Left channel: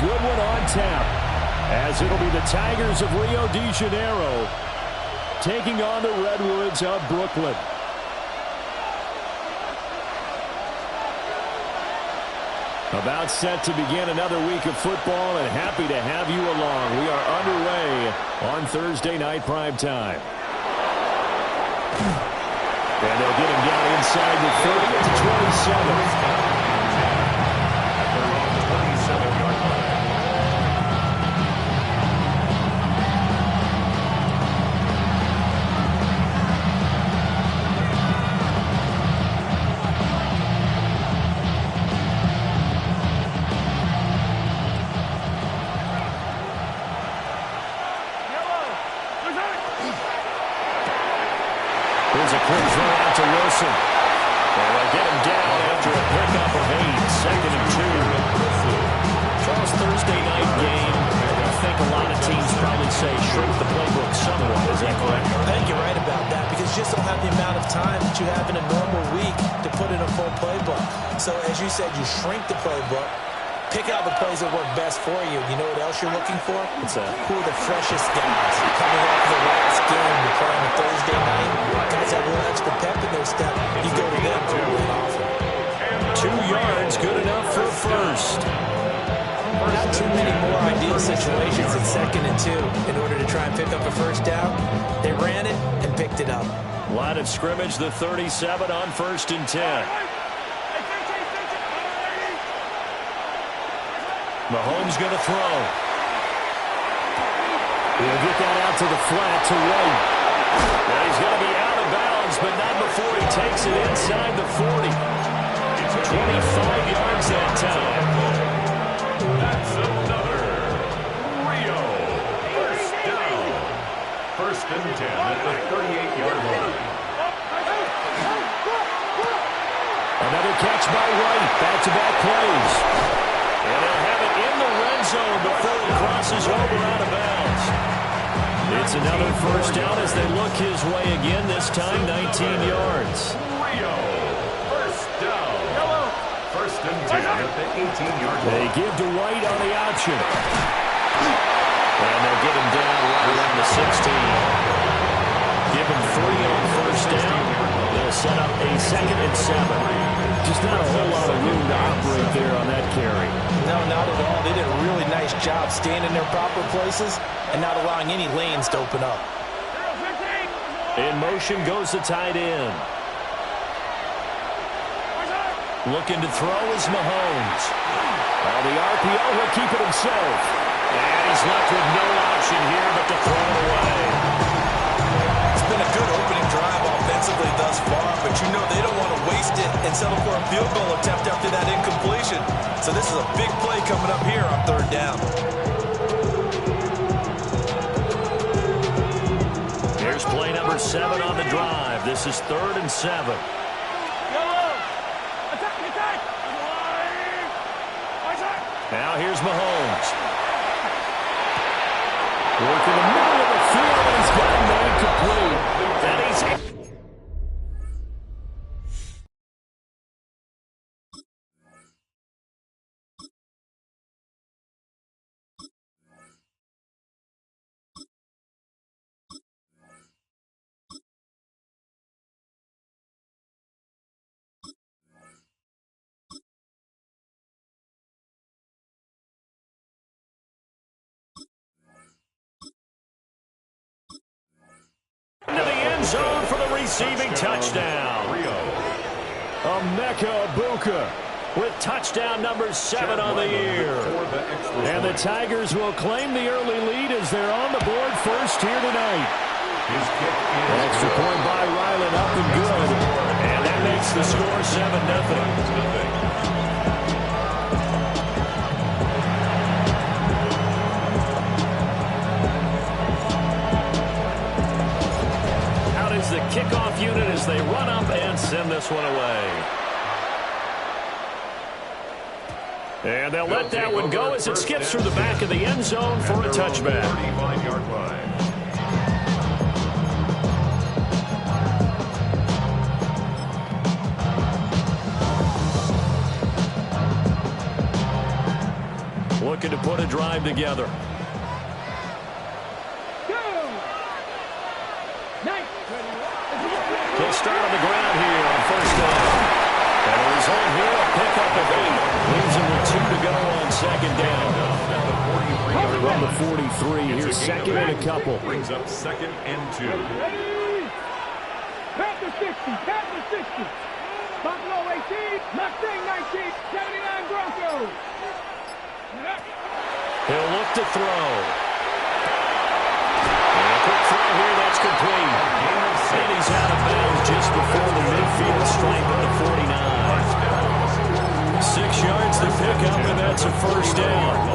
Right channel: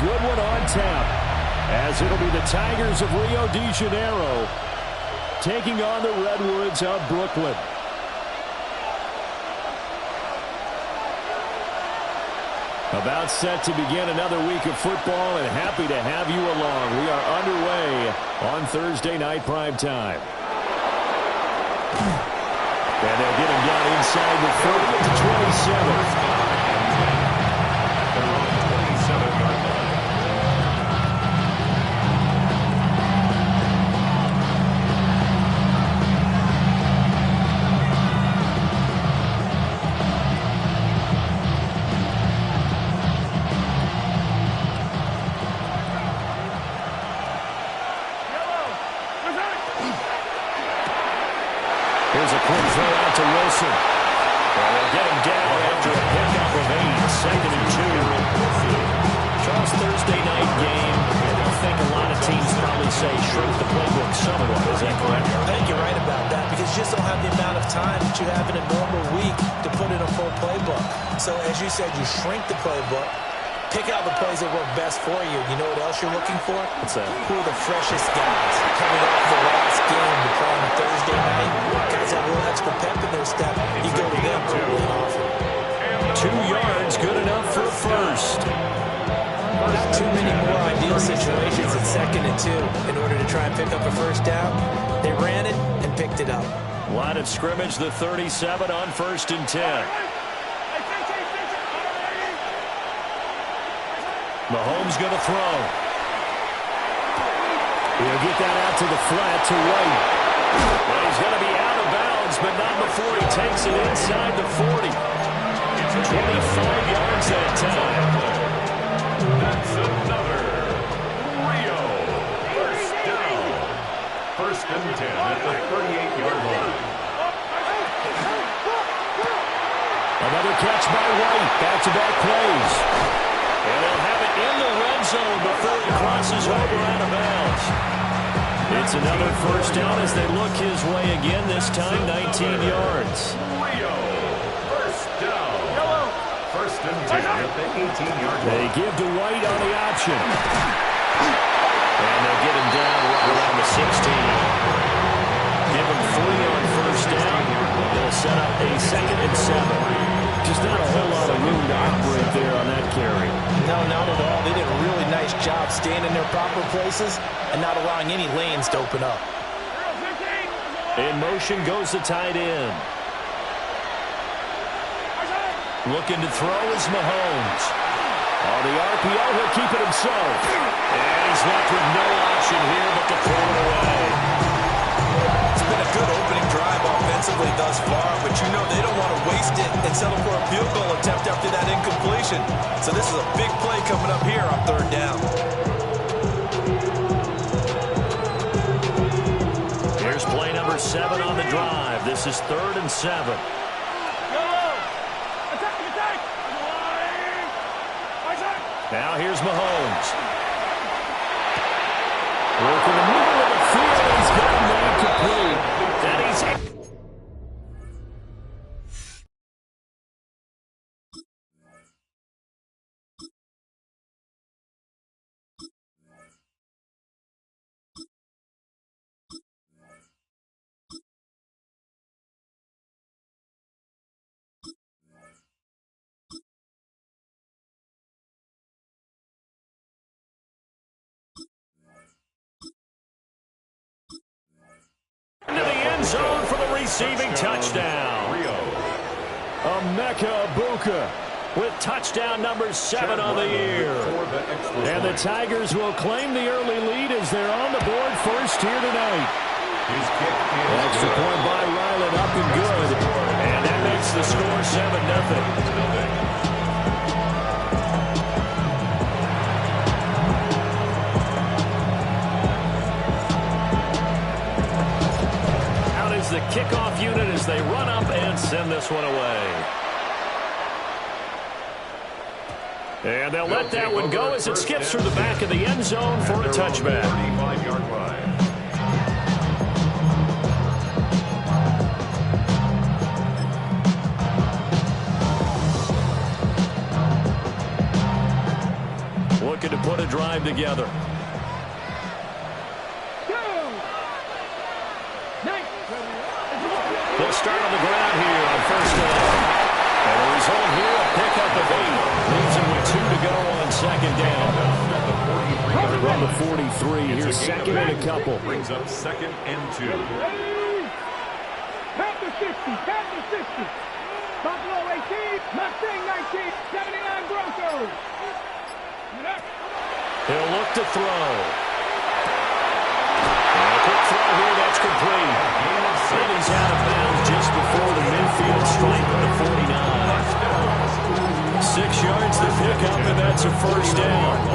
good one on tap, as it'll be the Tigers of Rio de Janeiro taking on the Redwoods of Brooklyn. About set to begin another week of football, and happy to have you along. We are underway on Thursday night prime time. And they'll get him down inside the 30 at the 27. At their own 27-yard line. Here's a quick throw out to Wilson. And they'll get him down after a pickup of 8, 2nd and 2. Charles, Thursday night game, I think a lot of teams probably say shrink the playbook somewhat. Is that correct? I think you're right about that, because you just don't have the amount of time that you have in a normal week to put in a full playbook. So as you said, you shrink the playbook, pick out the plays that work best for you. You know what else you're looking for? What's that? Who are the freshest guys coming off the last game to play on a Thursday night? Guys have a little extra pep in their step. You go to them really often. 2 yards, good enough for a first. Not too many more ideal situations in 2nd and 2 in order to try and pick up a first down. They ran it and picked it up. Line of scrimmage, the 37 on 1st and 10. Mahomes going to throw. He'll get that out to the flat to White. Now he's going to be out of bounds, but not before he takes it inside the 40. 25 yards that time. That's another Rio first down. 1st and 10 at the 38-yard line. Another catch by White. Back-to-back plays. And they'll have it in the red zone before he crosses over out of bounds. It's another first down as they look his way again, this time 19 yards. Rio first down. 1st and 10 at the 18-yard line. They give to White on the option. And they'll get him down right around the 16. Give him 3 on first down. They'll set up a 2nd and 7. Just not a whole lot of room to operate there on that carry. No, not at all. They did a really nice job staying in their proper places and not allowing any lanes to open up. In motion goes the tight end. Looking to throw is Mahomes. On the RPO, he'll keep it himself. And he's left with no option here but to throw it away. It's been a good opening drive offensively thus far, but you know they don't want to waste it and settle for a field goal attempt after that incompletion. So this is a big play coming up here on 3rd down. Here's play number 7 on the drive. This is 3rd and 7. Now here's Mahomes. Work in the middle of the field, and he's got a man complete. And he's... into the end zone for the receiving touchdown. Emeka Egbuka with touchdown number 7 on the year. And the Tigers will claim the early lead as they're on the board first here tonight. Extra point by Ryland, up and good. And that makes the score 7-0. The kickoff unit as they run up and send this one away. And they'll let that one go as it skips through the back of the end zone for a touchback. 35-yard line. looking to put a drive together. They'll start on the ground here on first down. And the result here, a pickup of 8. Leaves him with 2 to go on second down. From the 43, here's second and a couple. Brings up second and 2. Panther 60, Panther 60. Buffalo 18, Mustang 19, 79 Broncos. He'll look to throw. And a quick throw here, that's complete. And he's out of bounds just before the midfield stripe at the 49. 6 yards to pick up, and that's a first down.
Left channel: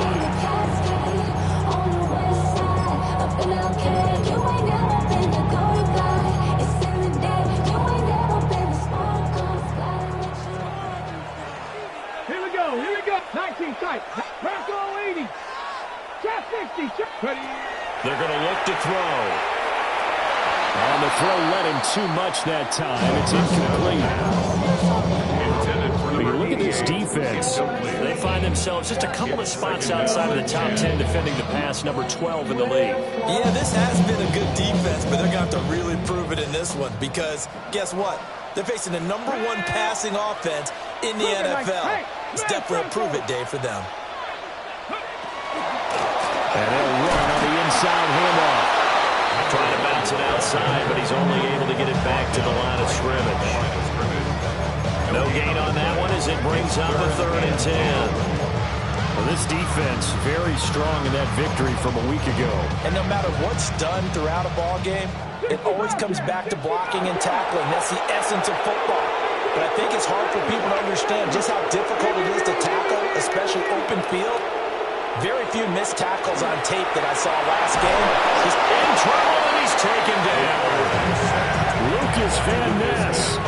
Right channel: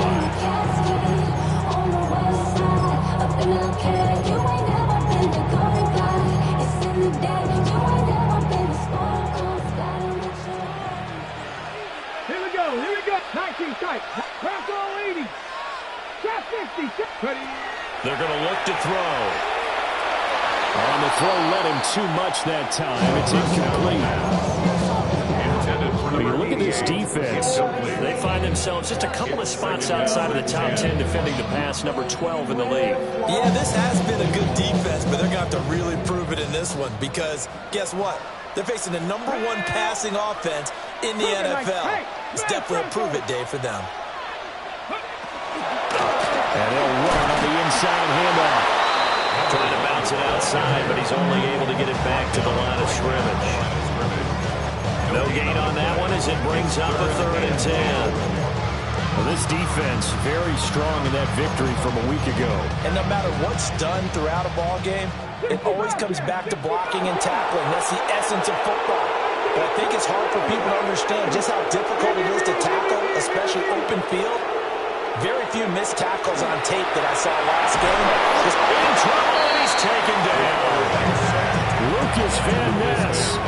Here we go. 19 tight. Bronco 80. Shot 60. Ready. They're going to look to throw. On the throw, led him too much that time. It's incomplete. When you look at this defense, they find themselves just a couple of spots outside of the top 10 defending the pass, number 12 in the league. Yeah, this has been a good defense, but they're going to have to really prove it in this one because guess what? They're facing the number 1 passing offense in the NFL. It's definitely a prove-it day for them. And they'll run on the inside handoff. Trying to bounce it outside, but he's only able to get it back to the line of scrimmage. No gain on that one as it brings up a 3rd and 10. Well, this defense very strong in that victory from a week ago. And no matter what's done throughout a ball game, it always comes back to blocking and tackling. That's the essence of football. But I think it's hard for people to understand just how difficult it is to tackle, especially open field. Very few missed tackles on tape that I saw last game. Just in trouble, and he's taken down. Lucas Van Ness.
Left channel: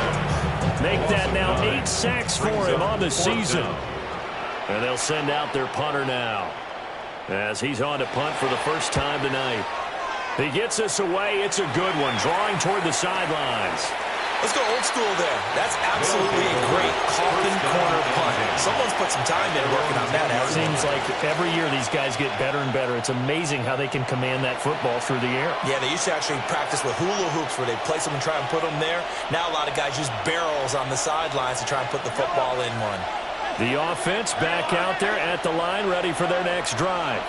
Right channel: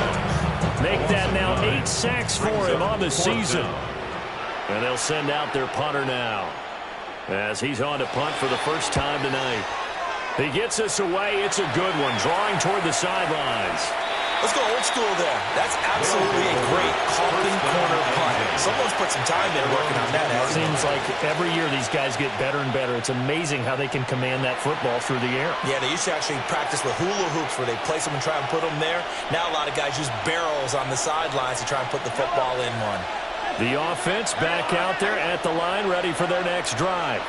Make that now 8 sacks for him on the season. And they'll send out their punter now, as he's on to punt for the first time tonight. He gets us away. It's a good one, drawing toward the sidelines. Let's go old school there. That's absolutely a great coffin corner punt. Someone's put some time in working on that. It seems like every year these guys get better and better. It's amazing how they can command that football through the air. Yeah, they used to actually practice with hula hoops where they place them and try and put them there. Now a lot of guys use barrels on the sidelines to try and put the football in one. The offense back out there at the line, ready for their next drive.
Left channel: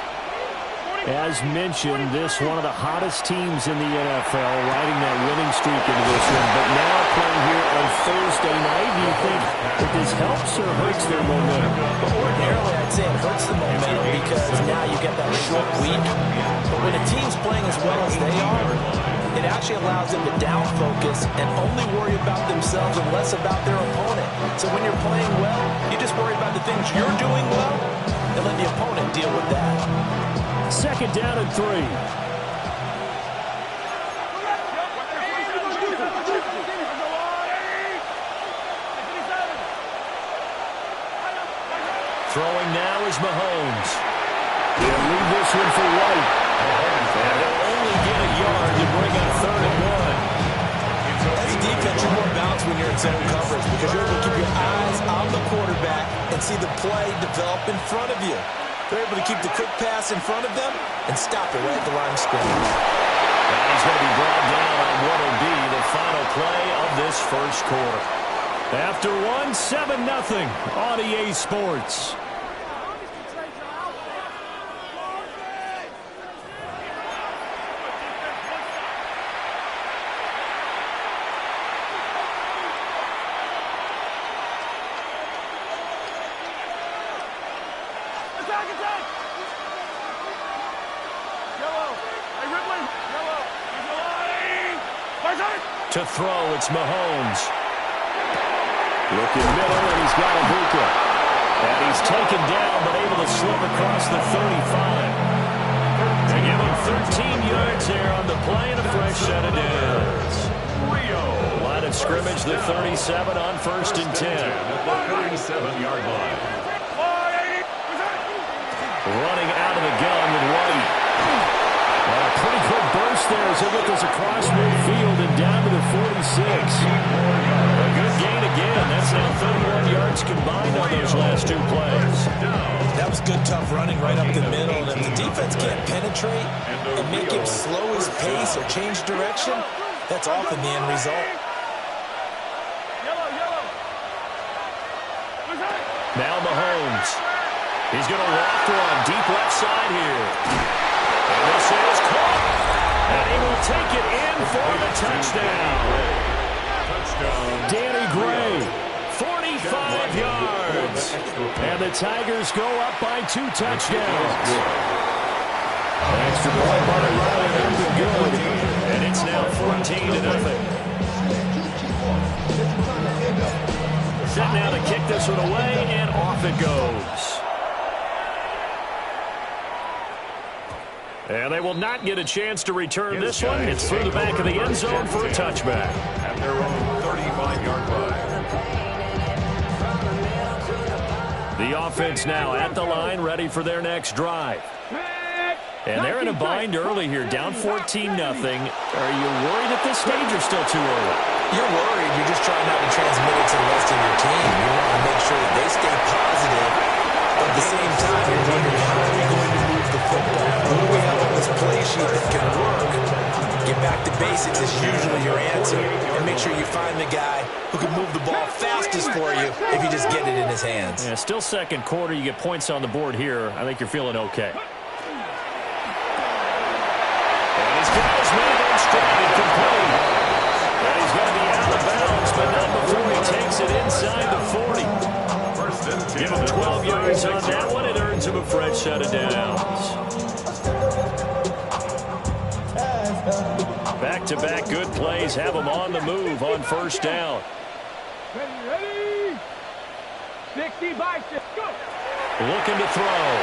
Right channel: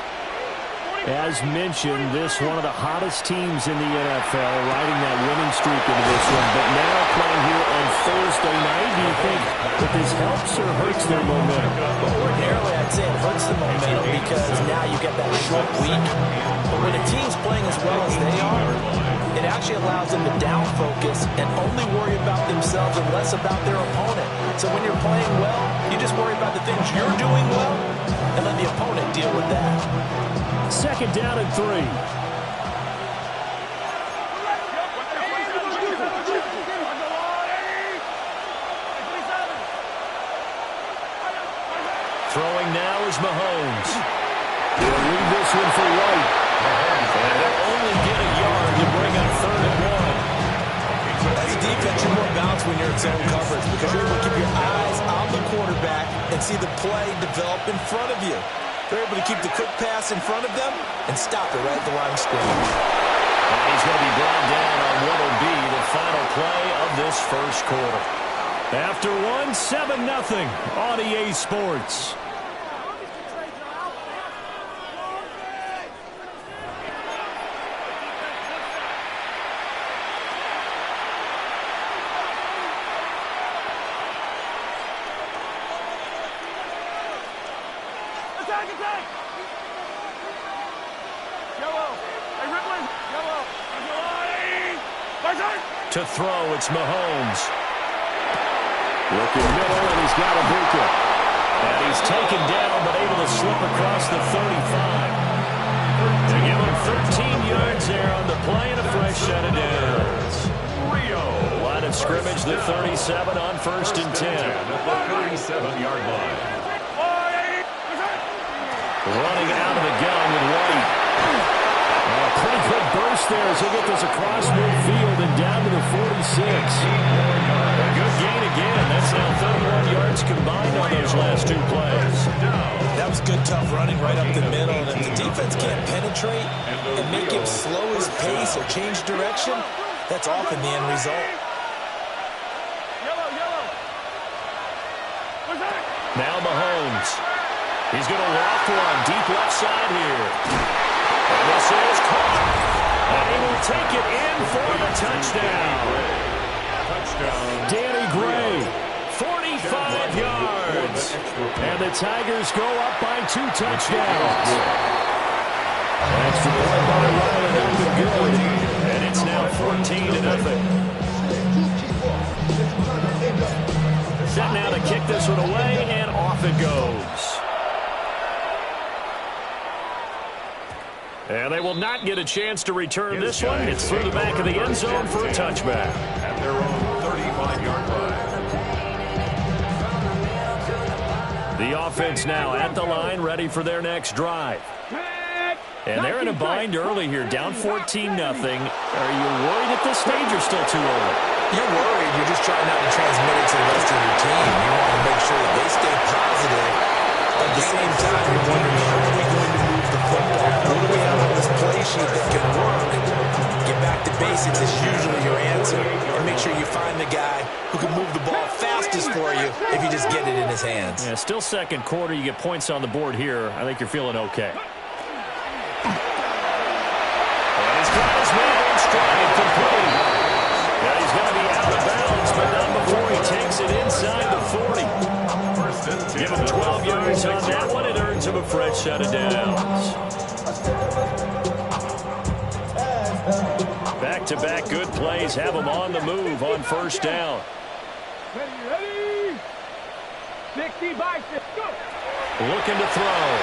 As mentioned, this one of the hottest teams in the NFL, riding that winning streak into this one. But now playing here on Thursday night, do you think that this helps or hurts their momentum? Ordinarily, I'd say it hurts the momentum because now you get that short week. But when a team's playing as well as they are, it actually allows them to down focus and only worry about themselves and less about their opponent. So when you're playing well, you just worry about the things you're doing well and let the opponent deal with that. 2nd down and 3. Throwing now is Mahomes. He'll leave this one for White. And they'll only get a yard to bring up 3rd and 1. As a defense, you're more balanced when you're in zone coverage because you're able to keep your eyes on the quarterback and see the play develop in front of you. They're able to keep the quick pass in front of them and stop it right at the line of scrimmage. And he's going to be brought down on what will be the final play of this first quarter. After 7-0 on EA Sports. Attack! Yellow. Hey, Ripley. Yellow. To throw, it's Mahomes. Looking middle, and he's got Ibuka. And he's taken down, but able to slip across the 35. They give him 13 yards there on the play and a fresh set of downs. Line of scrimmage, the 37 on 1st and 10. At the 37-yard line. Running out of the gun with White. And a pretty good burst first there as he'll get this across midfield and down to the 46. A good gain again. That's now 31 yards combined on those last two plays. That was good, tough running right up the middle. And if the defense can't penetrate and make him slow his pace or change direction, that's often the end result. Now Mahomes. He's going to loft one deep left side here. And this is caught. And he will take it in for the touchdown. Danny Gray, 45 yards. And the Tigers go up by 2 touchdowns. Extra point by Riley, up and good. And it's now 14-0. Set now to kick this one away, and off it goes. And they will not get a chance to return this one. It's through the back of the end zone for a touchback. At their own 35-yard line. The offense now at the line, ready for their next drive. And they're in a bind early here, down 14-0. Are you worried at this stage or still too early? You're worried. You're just trying not to transmit it to the rest of your team. You want to make sure that they stay positive. But at the same time, you're wondering, how are we going to move the football? What do we have on this play sheet that can work? Get back to basics is usually your answer. And make sure you find the guy who can move the ball fastest for you if you just get it in his hands. Yeah, still second quarter. You get points on the board here. I think you're feeling okay. And he's got his man in stride, complete. And he's going to be out of bounds, but not before he takes it inside the 40. Give him 12 yards on that one. It earns him a fresh set of downs. Back-to-back good plays have him on the move on first down. Ready? 60 by 6. Go. Looking to throw.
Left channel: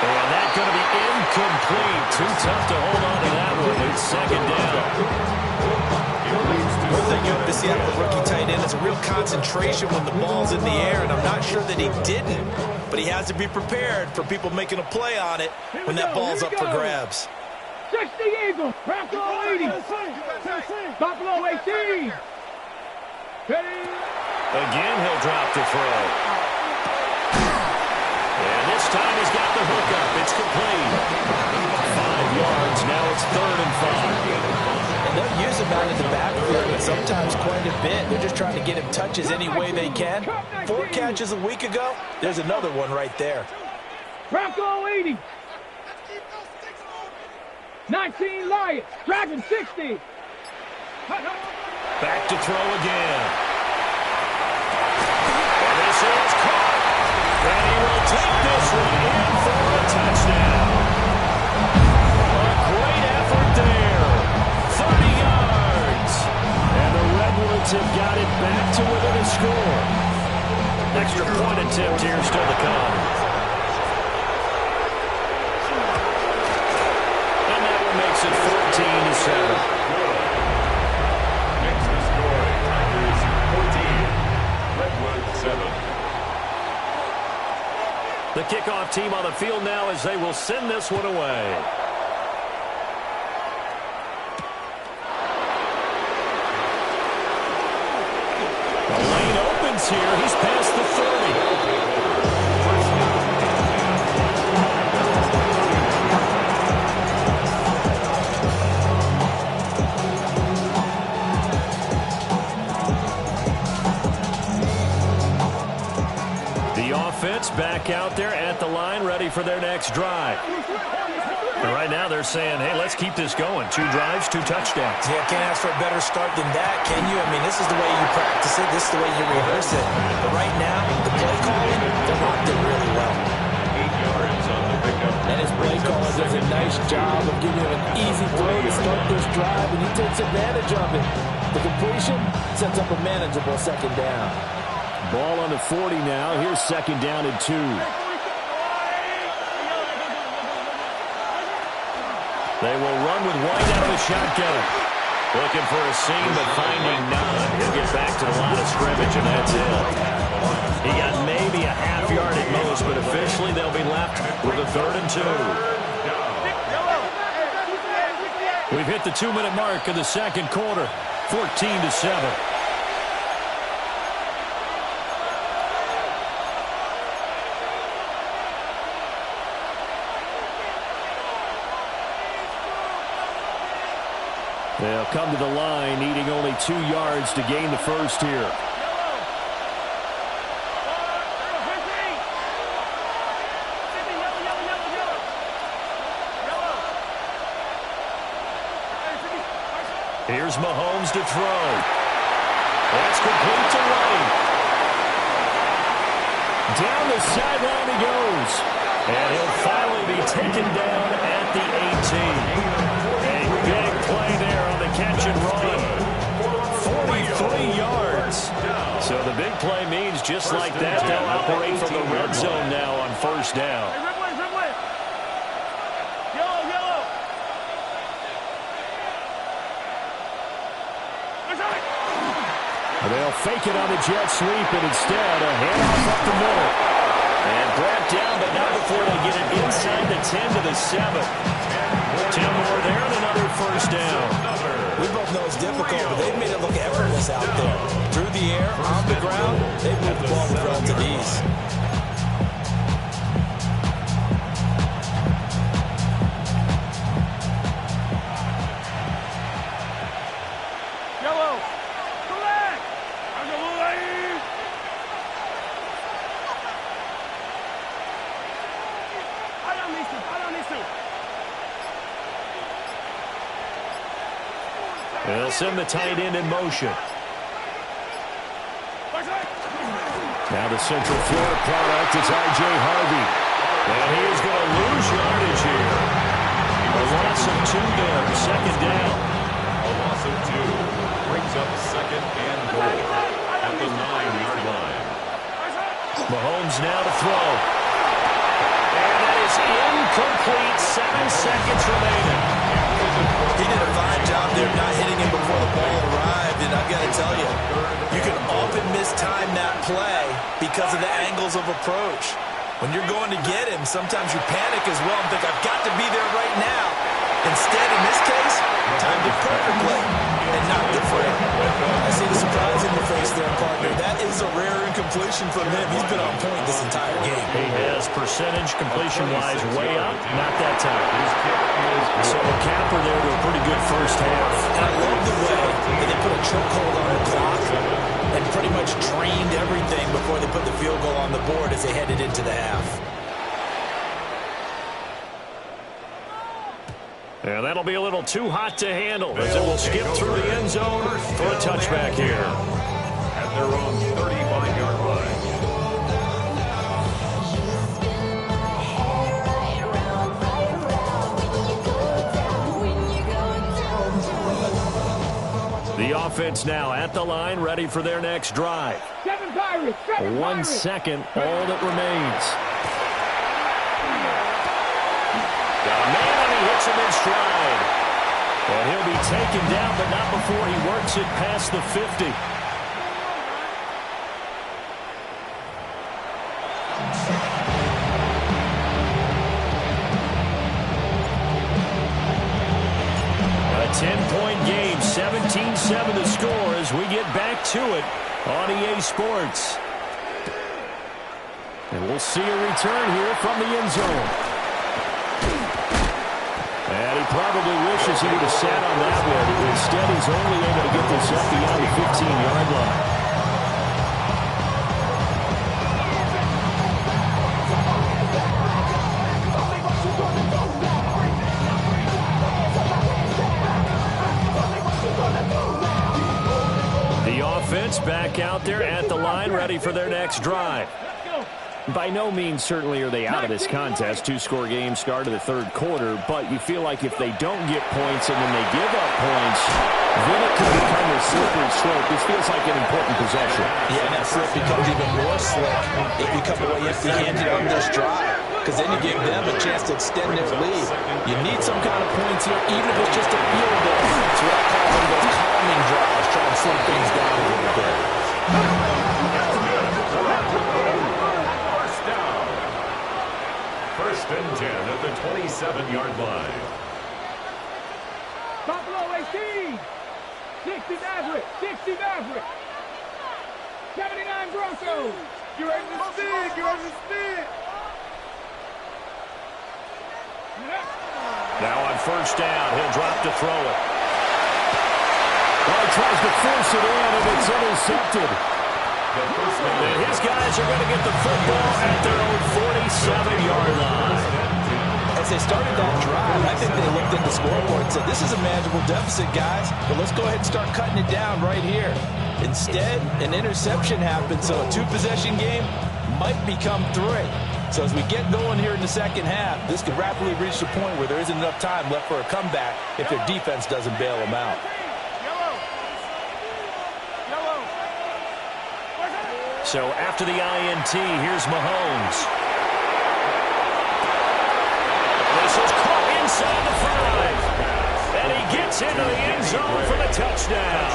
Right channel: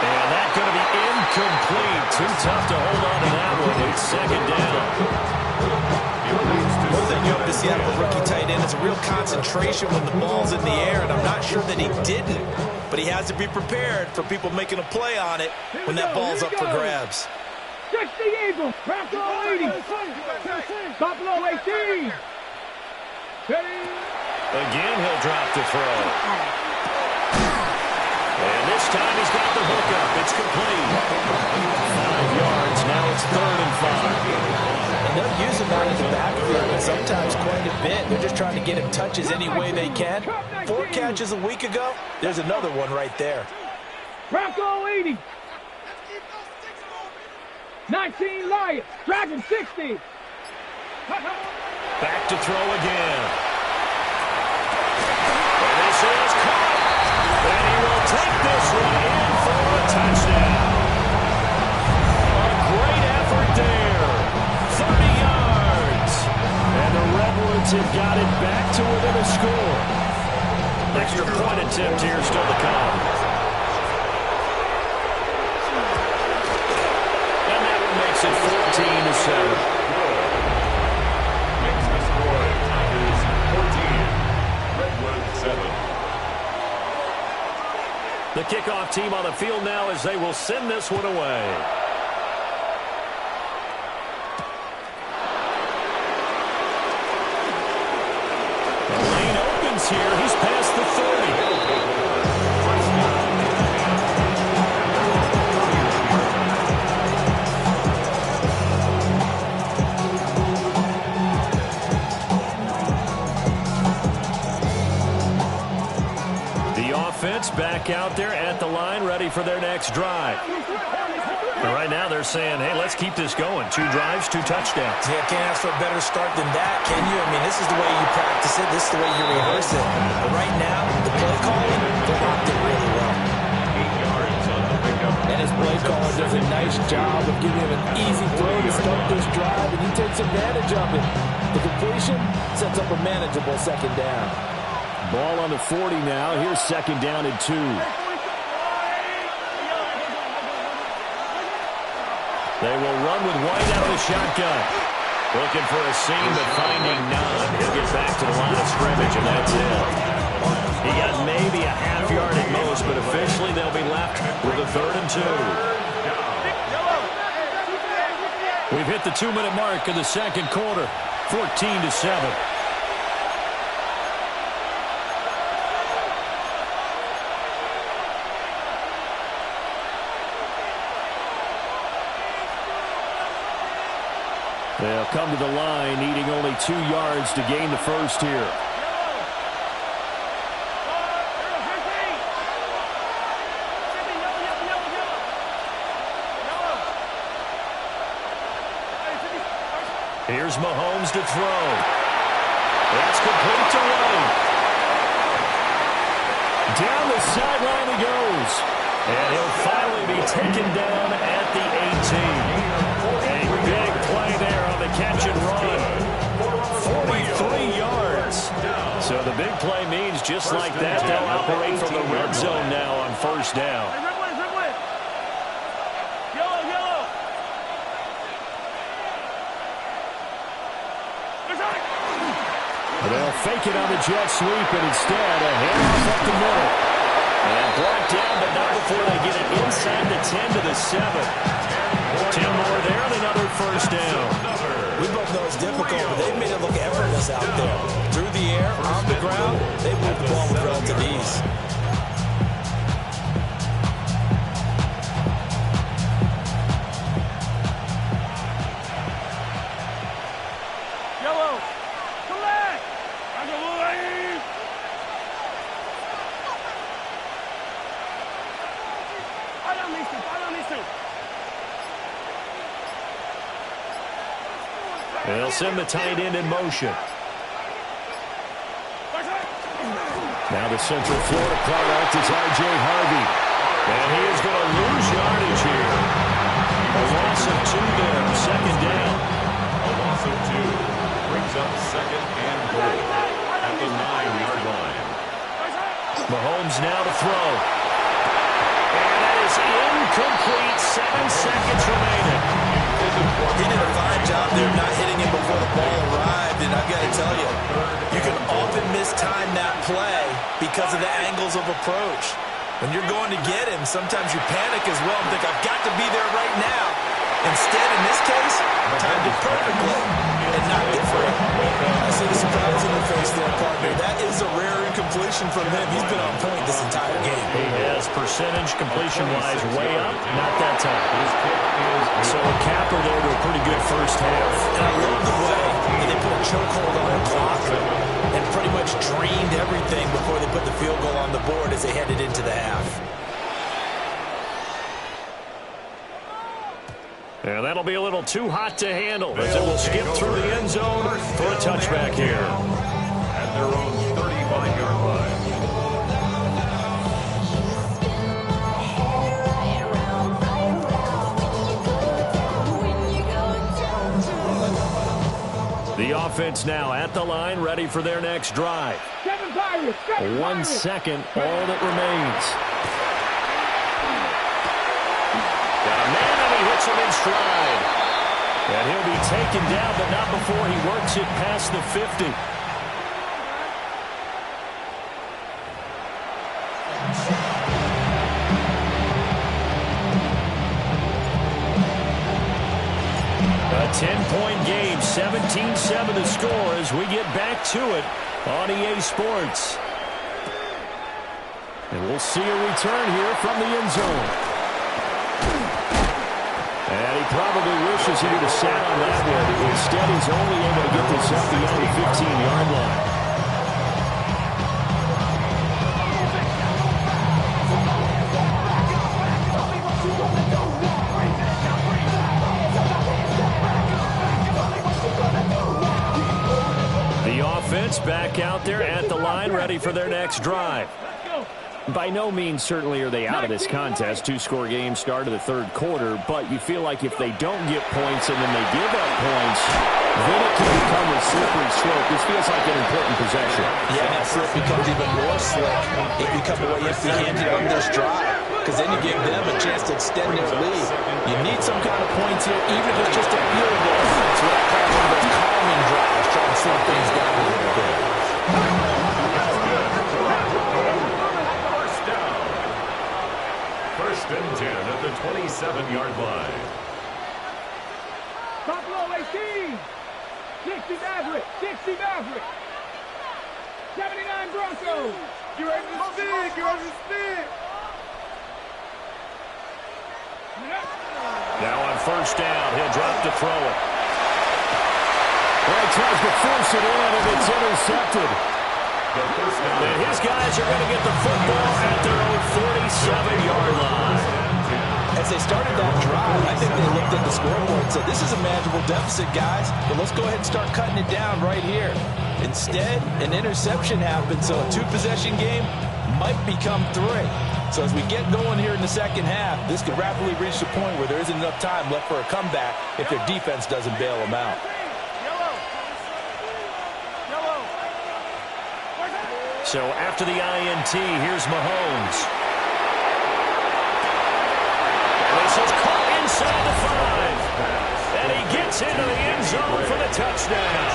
And that's going to be incomplete. Too tough to hold on to that one. It's second down. One thing you have to see out of a rookie tight end is a real concentration when the ball's in the air, and I'm not sure that he didn't, but he has to be prepared for people making a play on it when that ball's up for grabs. 60 Eagles, Buffalo 80, Buffalo 18. Ready? Again, he'll drop to throw. And this time he's got the hook up. It's complete. 5 yards. Now it's 3rd and 5. And they'll use him out in the backfield, and sometimes quite a bit. They're just trying to get him touches any way they can. 4 catches a week ago. There's another one right there. Bronco 80. 19 Lions, Dragon 60. Back to throw again. And this is caught. And he will take this one in for a touchdown. A great effort there. 30 yards. And the Redwoods have got it back to within a score. Extra point attempt here still to come. And that one makes it 14-7. Makes the score Tigers 14, Redwoods 7. The kickoff team on the field now as they will send this one away. The lane opens here. He's past the 30. First down and 10. The offense back out there at the line, ready for their next drive. And right now they're saying, hey, let's keep this going. 2 drives, 2 touchdowns. Yeah, can't ask for a better start than that, can you? I mean, this is the way you practice it. This is the way you rehearse it. But right now, the play calling, they're locked in really well. 8 yards on the pickup. And his play caller does a nice job of giving him an easy throw to start this drive, and he takes advantage of it. The completion sets up a manageable second down. Ball on the 40 now. Here's second down and 2. They will run with White out of the shotgun. Looking for a seam, but finding none. He'll get back to the line of scrimmage, and that's it. He got maybe a half yard at most, but officially they'll be left with a 3rd and 2. We've hit the 2-minute mark in the second quarter. 14-7. They'll come to the line, needing only 2 yards to gain the first here. Here's Mahomes to throw. That's complete to White. Down the sideline he goes. And he'll finally be taken down at the 18. A big play there on the catch and run. 43 yards. So the big play means just like that, they'll operate from the red zone now on first down. They'll fake it on the jet sweep, and instead a handoff up the middle. And brought down, but not before they get it inside the 10 to the 7. 10 more there and another first down. We both know it's difficult, but they've made it look effortless out there. Through the air, on the ground, they moved the ball with relative ease. They'll send the tight end in motion. Now the Central Florida product is R.J. Harvey. And he is going to lose yardage here. A loss of 2 there, second down. A loss of 2 brings up second and goal at the 9-yard line. Mahomes now to throw. And that is incomplete. 7 seconds remaining. He did a fine job there not hitting him before the ball arrived, and I've got to tell you, you can often mistime that play because of the angles of approach. When you're going to get him, sometimes you panic as well and think, I've got to be there right now. Instead, in this case, timed it perfectly and knocked it free. I see the surprise in your face there, partner. That is a rare incompletion from him. He's been on point this entire game. He has percentage completion-wise way up, not that time. So a capper there to a pretty good first half. And I love the way that they put a chokehold on the clock and pretty much drained everything before they put the field goal on the board as they headed into the half. And that'll be a little too hot to handle as it will skip through the end zone for a touchback here. At their own 35-yard line. The offense now at the line, ready for their next drive. 1 second, all that remains. Got a man, and he hits him in stride. And he'll be taken down, but not before he works it past the 50. A 10-point game, 17-7 the score as we get back to it on EA Sports. And we'll see a return here from the end zone. And he probably wishes he would have sat on that one. Instead, he's only able to get this up beyond the 15-yard line. The offense back out there at the line, ready for their next drive. By no means, certainly, are they out of this contest. 2-score game start of the third quarter, but you feel like if they don't get points and then they give up points, then it can become a slippery slope. This feels like an important possession. Yeah, and that slip becomes even more slick if you come away empty-handed on this drive, because then you give them a chance to extend their lead. You need some kind of points here, even if it's just a field goal. It's what I call one of those calming drives, try and slow things down a little bit. First and 10 at the 27-yard line. Buffalo 18. 60 Maverick. 60 Maverick. 79 Broncos. You're ready to spin. You're ready to spin. Now on first down, he'll drop to throw it. Well, he tries to force it in, and it's intercepted. And his guys are going to get the football at their own 47-yard line. As they started that drive, I think they looked at the scoreboard and said, this is a manageable deficit, guys, but let's go ahead and start cutting it down right here. Instead, an interception happened, so a two-possession game might become 3. So as we get going here in the second half, this could rapidly reach the point where there isn't enough time left for a comeback if their defense doesn't bail them out. So after the INT, here's Mahomes. And this is caught inside the 5. And he gets into the end zone for the touchdown.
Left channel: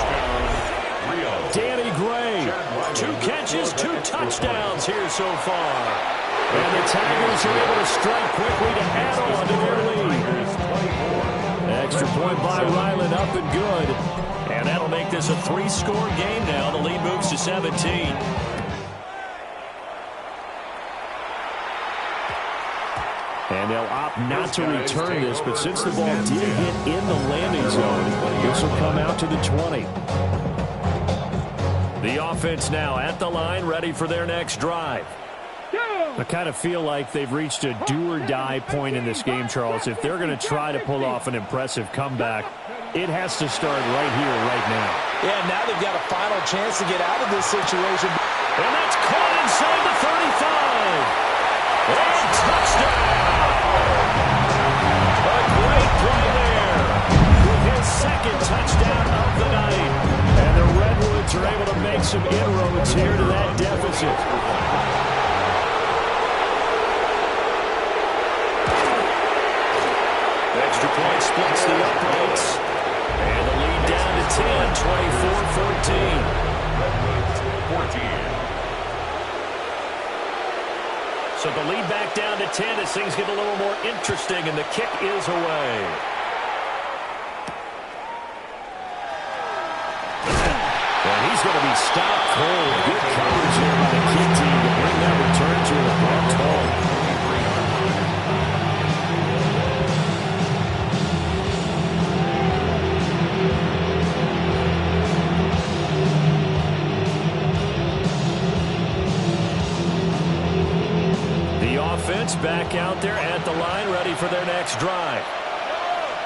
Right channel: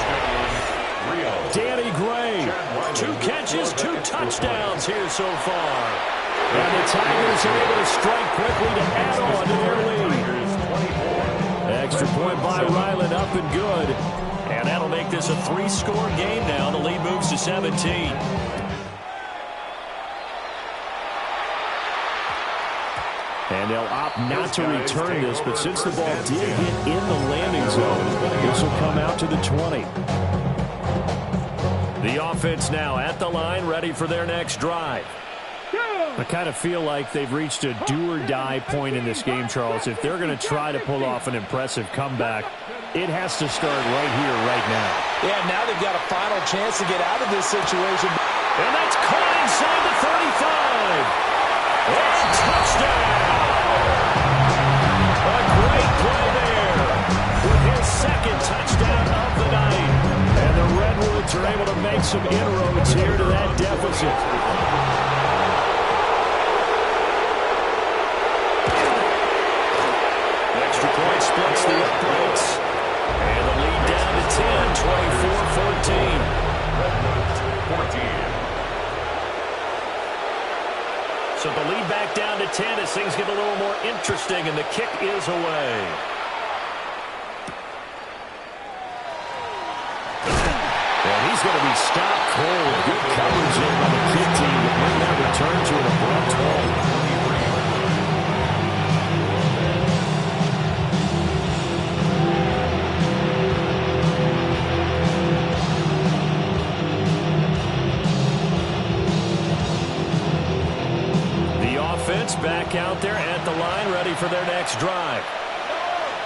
Danny Gray, 2 catches, 2 touchdowns here so far. And the Tigers are able to strike quickly to add on to their lead. Extra point by Ryland, up and good. And that'll make this a 3-score game now. The lead moves to 17. And they'll opt not to return this, but since the ball did hit in the landing zone, this will come out to the 20. The offense now at the line, ready for their next drive. I kind of feel like they've reached a do-or-die point in this game, Charles. If they're going to try to pull off an impressive comeback, it has to start right here, right now. Yeah, now they've got a final chance to get out of this situation. And that's caught inside the 35. And touchdown! A great play there with his second touchdown of the night. And the Redwoods are able to make some inroads here to that deficit. Extra point splits the uprights. And the lead down to 10, 24-14. Redwoods 14. So the lead back down to 10 as things get a little more interesting, and the kick is away. And he's going to be stopped cold. Good coverage there by the kick team to bring that return to an abrupt halt. Offense back out there at the line, ready for their next drive.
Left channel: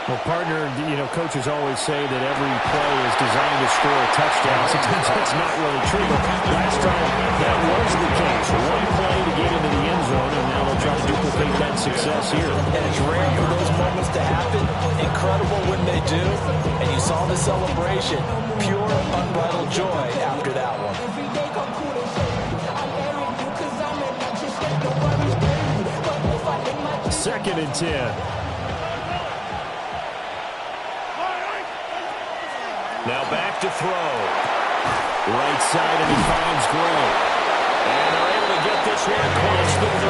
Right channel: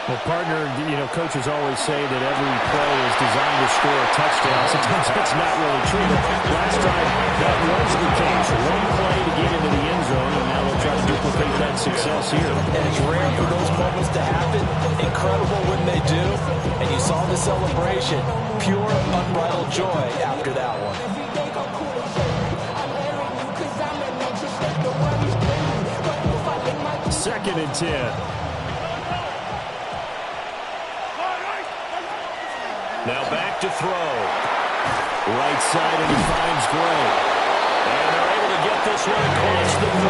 Well, partner, coaches always say that every play is designed to score a touchdown. Sometimes that's not really true, but last drive, that was the case. One play to get into the end zone, and now they'll try to duplicate that success here. And it's rare for those moments to happen. Incredible when they do. And you saw the celebration. Pure, unbridled joy after that one. 2nd and 10. Now back to throw. Right side, and he finds Gray. And they're able to get this one across the 35.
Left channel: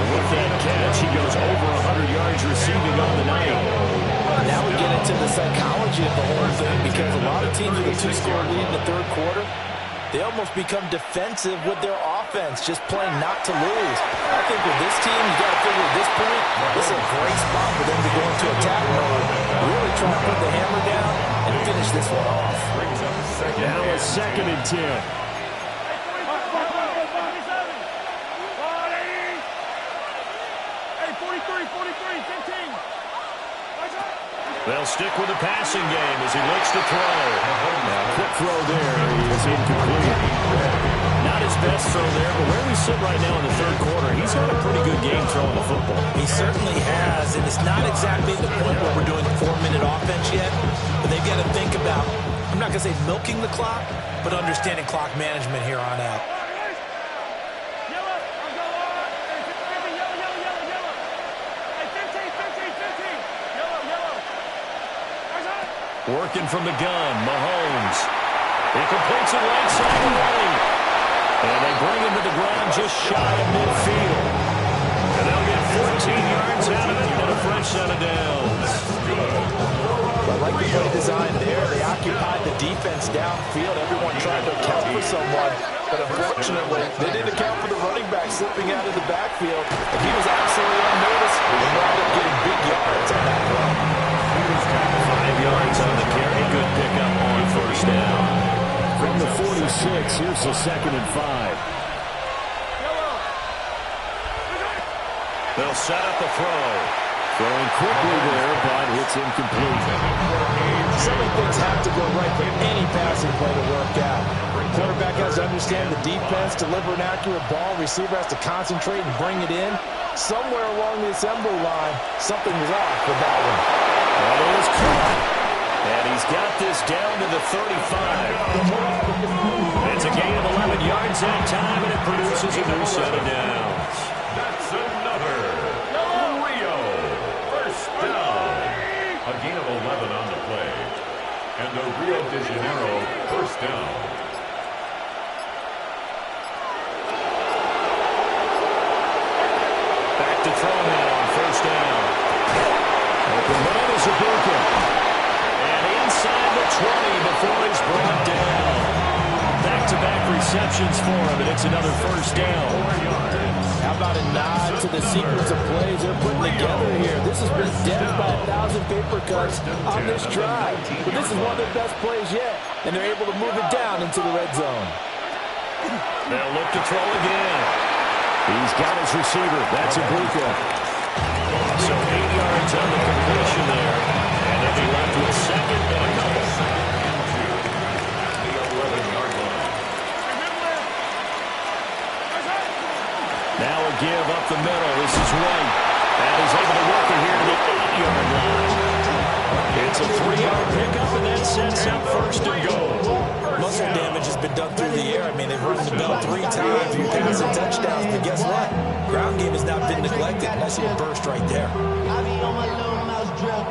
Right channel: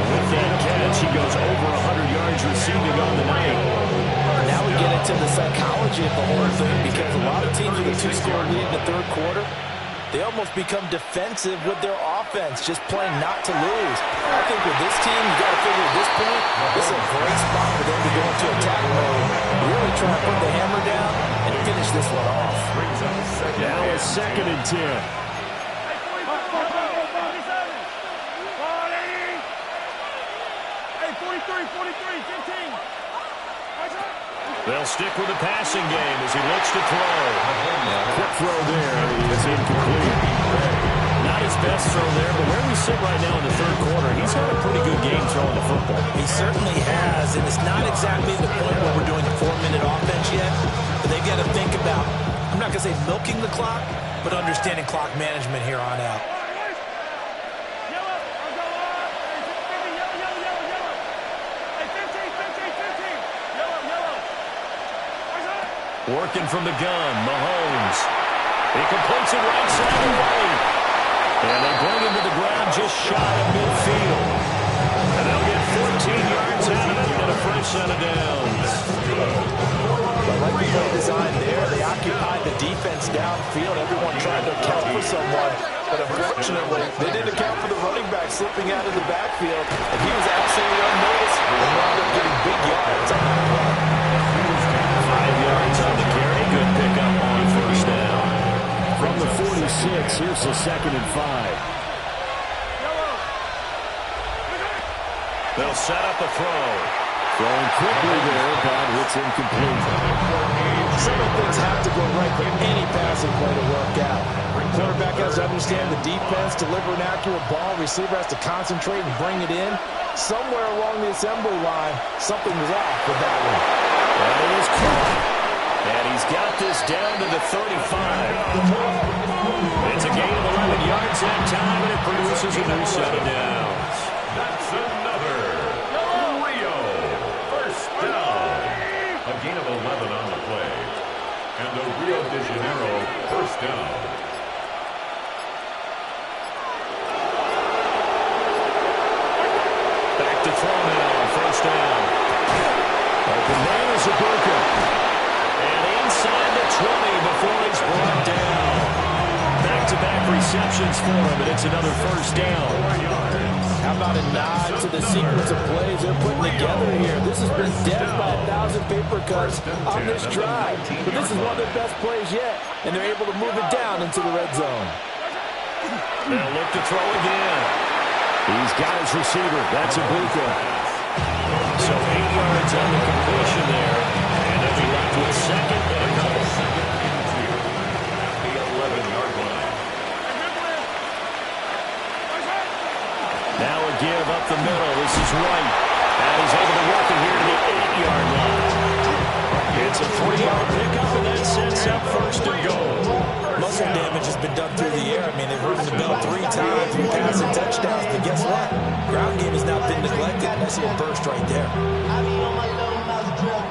And with that catch, he goes over 100 yards receiving on the night. Now we get into the psychology of the whole thing, because a lot of teams with a 2-score lead in the third quarter, they almost become defensive with their offense, just playing not to lose. I think with this team, you got to figure at this point, this is a great spot for them to go into attack mode, really try to put the hammer down and finish this one off. Now a 2nd and 10. Hey, 43, 15. They'll stick with the passing game as he looks to throw. Quick throw there is incomplete. Not his best throw there, but where we sit right now in the third quarter, he's had a pretty good game throwing the football. He certainly has, and it's not exactly the point where we're doing 4-minute offense yet, but they've got to think about, I'm not going to say milking the clock, but understanding clock management here on out. Working from the gun, Mahomes. He completes it right side away. And they bring him to the ground just shy of midfield. And they'll get 14 yards out of it and a fresh set of downs. play design there. They occupied the defense downfield. Everyone tried to account for someone. But unfortunately, they didn't account for the running back slipping out of the backfield. And he was absolutely unnoticed and wound up getting big yards on that play. 5 yards on the carry. Good pickup on first down. From the 46, here's the 2nd and 5. They'll set up a throw. Throwing quickly there, but it's incomplete. So many things have to go right for any passing play to work out. Quarterback has to understand the defense, deliver an accurate ball. Receiver has to concentrate and bring it in. Somewhere along the assembly line, something was off with that one. That is caught. And he's got this down to the 35. It's a gain of 11 yards that time, and it produces a new set of downs. That's another Rio first down. A gain of 11 on the play. And the Rio de Janeiro first down. Back to throw now on first down. Open man is Ibuka. And inside the 20 before he's brought down. Back-to-back receptions for him, and it's another first down. How about a nod to the sequence of plays they're putting together here? This has been death by 1,000 paper cuts on this drive. But this is one of their best plays yet, and they're able to move it down into the red zone. They'll look to throw again. He's got his receiver. That's Ibuka. So 8 yards on the completion there, and they'll be left with 2nd and a couple. 2nd and 2 at the 11-yard line. Now a give up the middle. This is White. And he's able to work it here to the 8-yard line. It's a 3-yard pickup, and that sets up 1st and goal. Muscle damage has been done through the air. I mean, they've rung the bell 3 times, 3 passing touchdowns. But guess what? Ground game has not been neglected. Nice little burst right there. I be on my little mouse drill.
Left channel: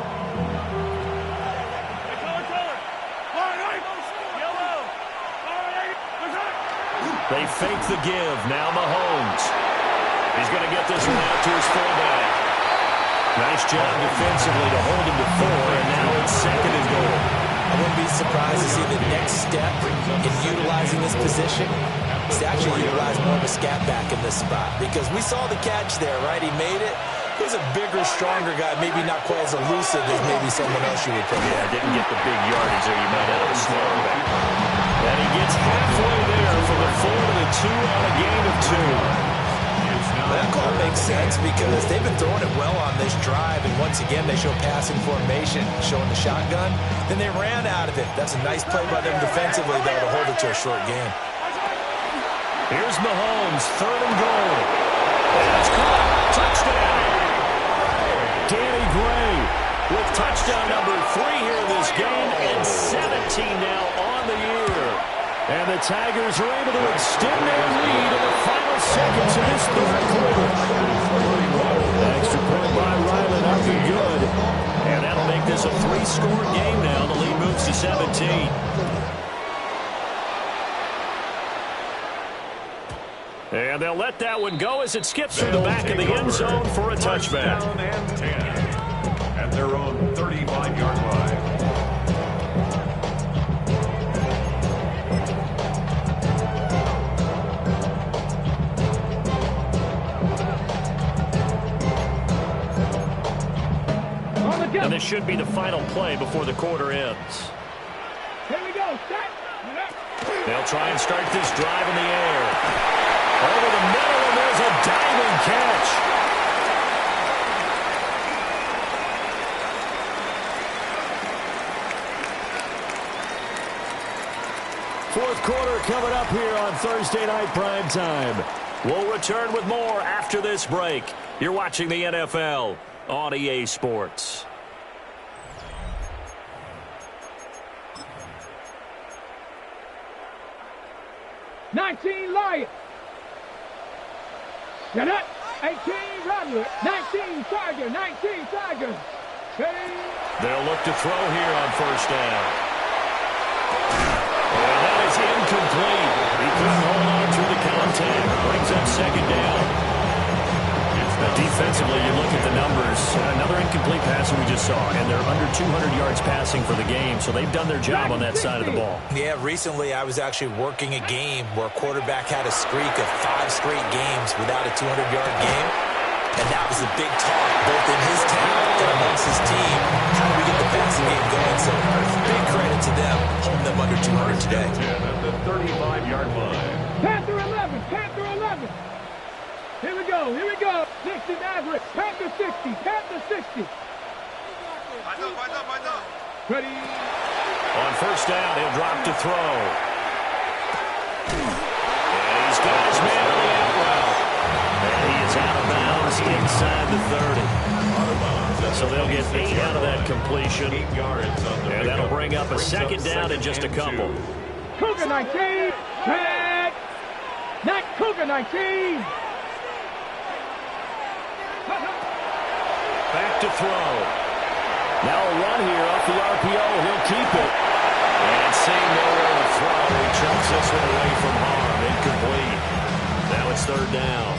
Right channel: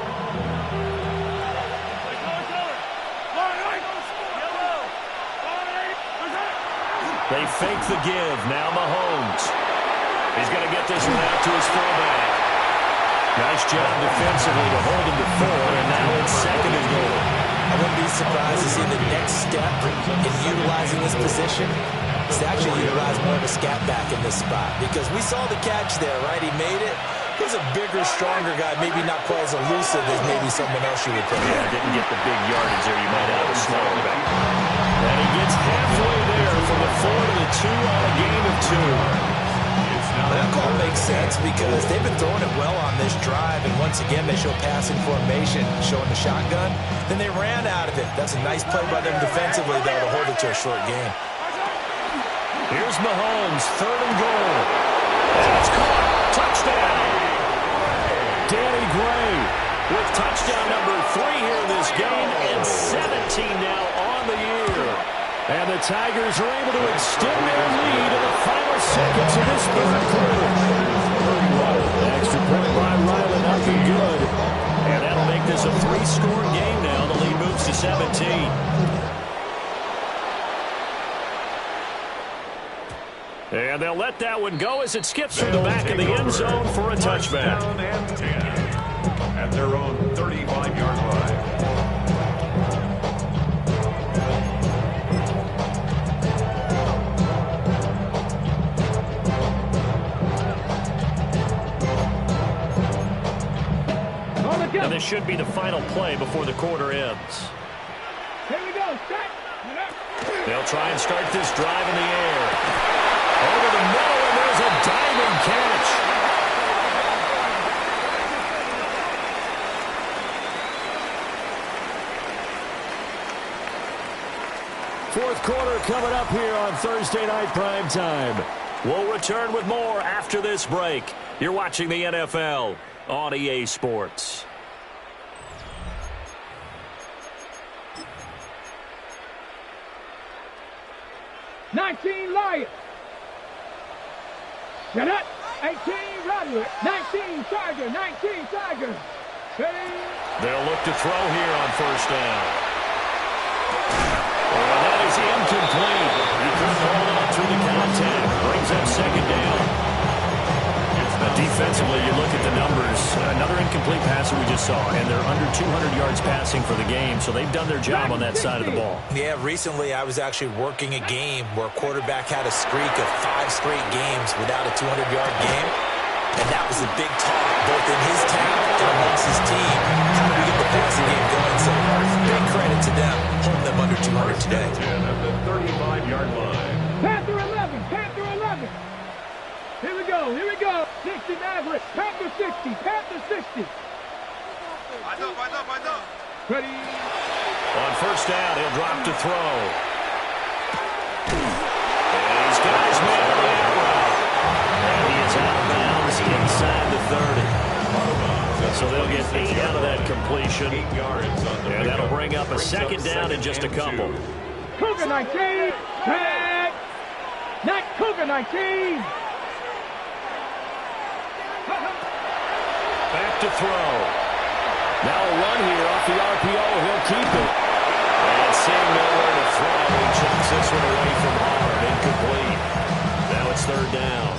They fake the give. Now Mahomes. He's going to get this one out to his fullback. Nice job defensively to hold him to 4, and now it's 2nd and goal. I wouldn't be surprised to see the next step in utilizing this position is to actually utilize more of a scat back in this spot. Because we saw the catch there, right? He made it. He's a bigger, stronger guy, maybe not quite as elusive as maybe someone else you would put. Yeah, didn't get the big yardage there you might out of a smaller back. And he gets halfway there from the 4 to the 2 on a gain of 2. That call makes sense because they've been throwing it well on this drive, and once again they show passing formation, showing the shotgun. Then they ran out of it. That's a nice play by them defensively, though, to hold it to a short gain. Here's Mahomes, 3rd and goal. And it's caught. Touchdown. Danny Gray with touchdown number 3 here in this game, and 17 now on the year. And the Tigers are able to extend their lead in the final seconds of this 3rd quarter. Extra point by Ryland, up and good. And that'll make this a 3-score game now. The lead moves to 17. And they'll let that one go as it skips from the back of the end zone for a touchback. Down and 10 at their own 35-yard line. And this should be the final play before the quarter ends. Here we go. Start. They'll try and start this drive in the air. Over the middle, and there's a diving catch. Fourth quarter coming up here on Thursday Night Prime Time. We'll return with more after this break. You're watching the NFL on EA Sports. Lions. Shut up. 18 Rattler. 19 Tiger. 19 Tiger. They'll look to throw here on first down. And that is incomplete. He couldn't hold on through the contact. Brings up second down. The defensively, you look at the numbers. Another incomplete pass that we just saw, and they're under 200 yards passing for the game, so they've done their job on that side of the ball. Yeah, recently I was actually working a game where a quarterback had a streak of 5 straight games without a 200-yard game, and that was a big talk, both in his town and amongst his team. How do we get the passing game going? So big credit to them, holding them under 200 today. At the 35-yard line. Panther 11, Panther 11. Here we go, here we go. 60 Maverick, Panther 60, Panther 60. Ready. On first down, he'll drop to throw. And he's got his man on the out route. And he is out of bounds inside the 30. So they'll get 8 out of that completion. 8 yards on the and that'll bring up a second down in just a couple. Cougar 19, tag. Not Cougar 19. Back to throw. Now a run here off the RPO. He'll keep it. And seeing nowhere to throw, he chucks this one away from harm. Incomplete. Now it's third down.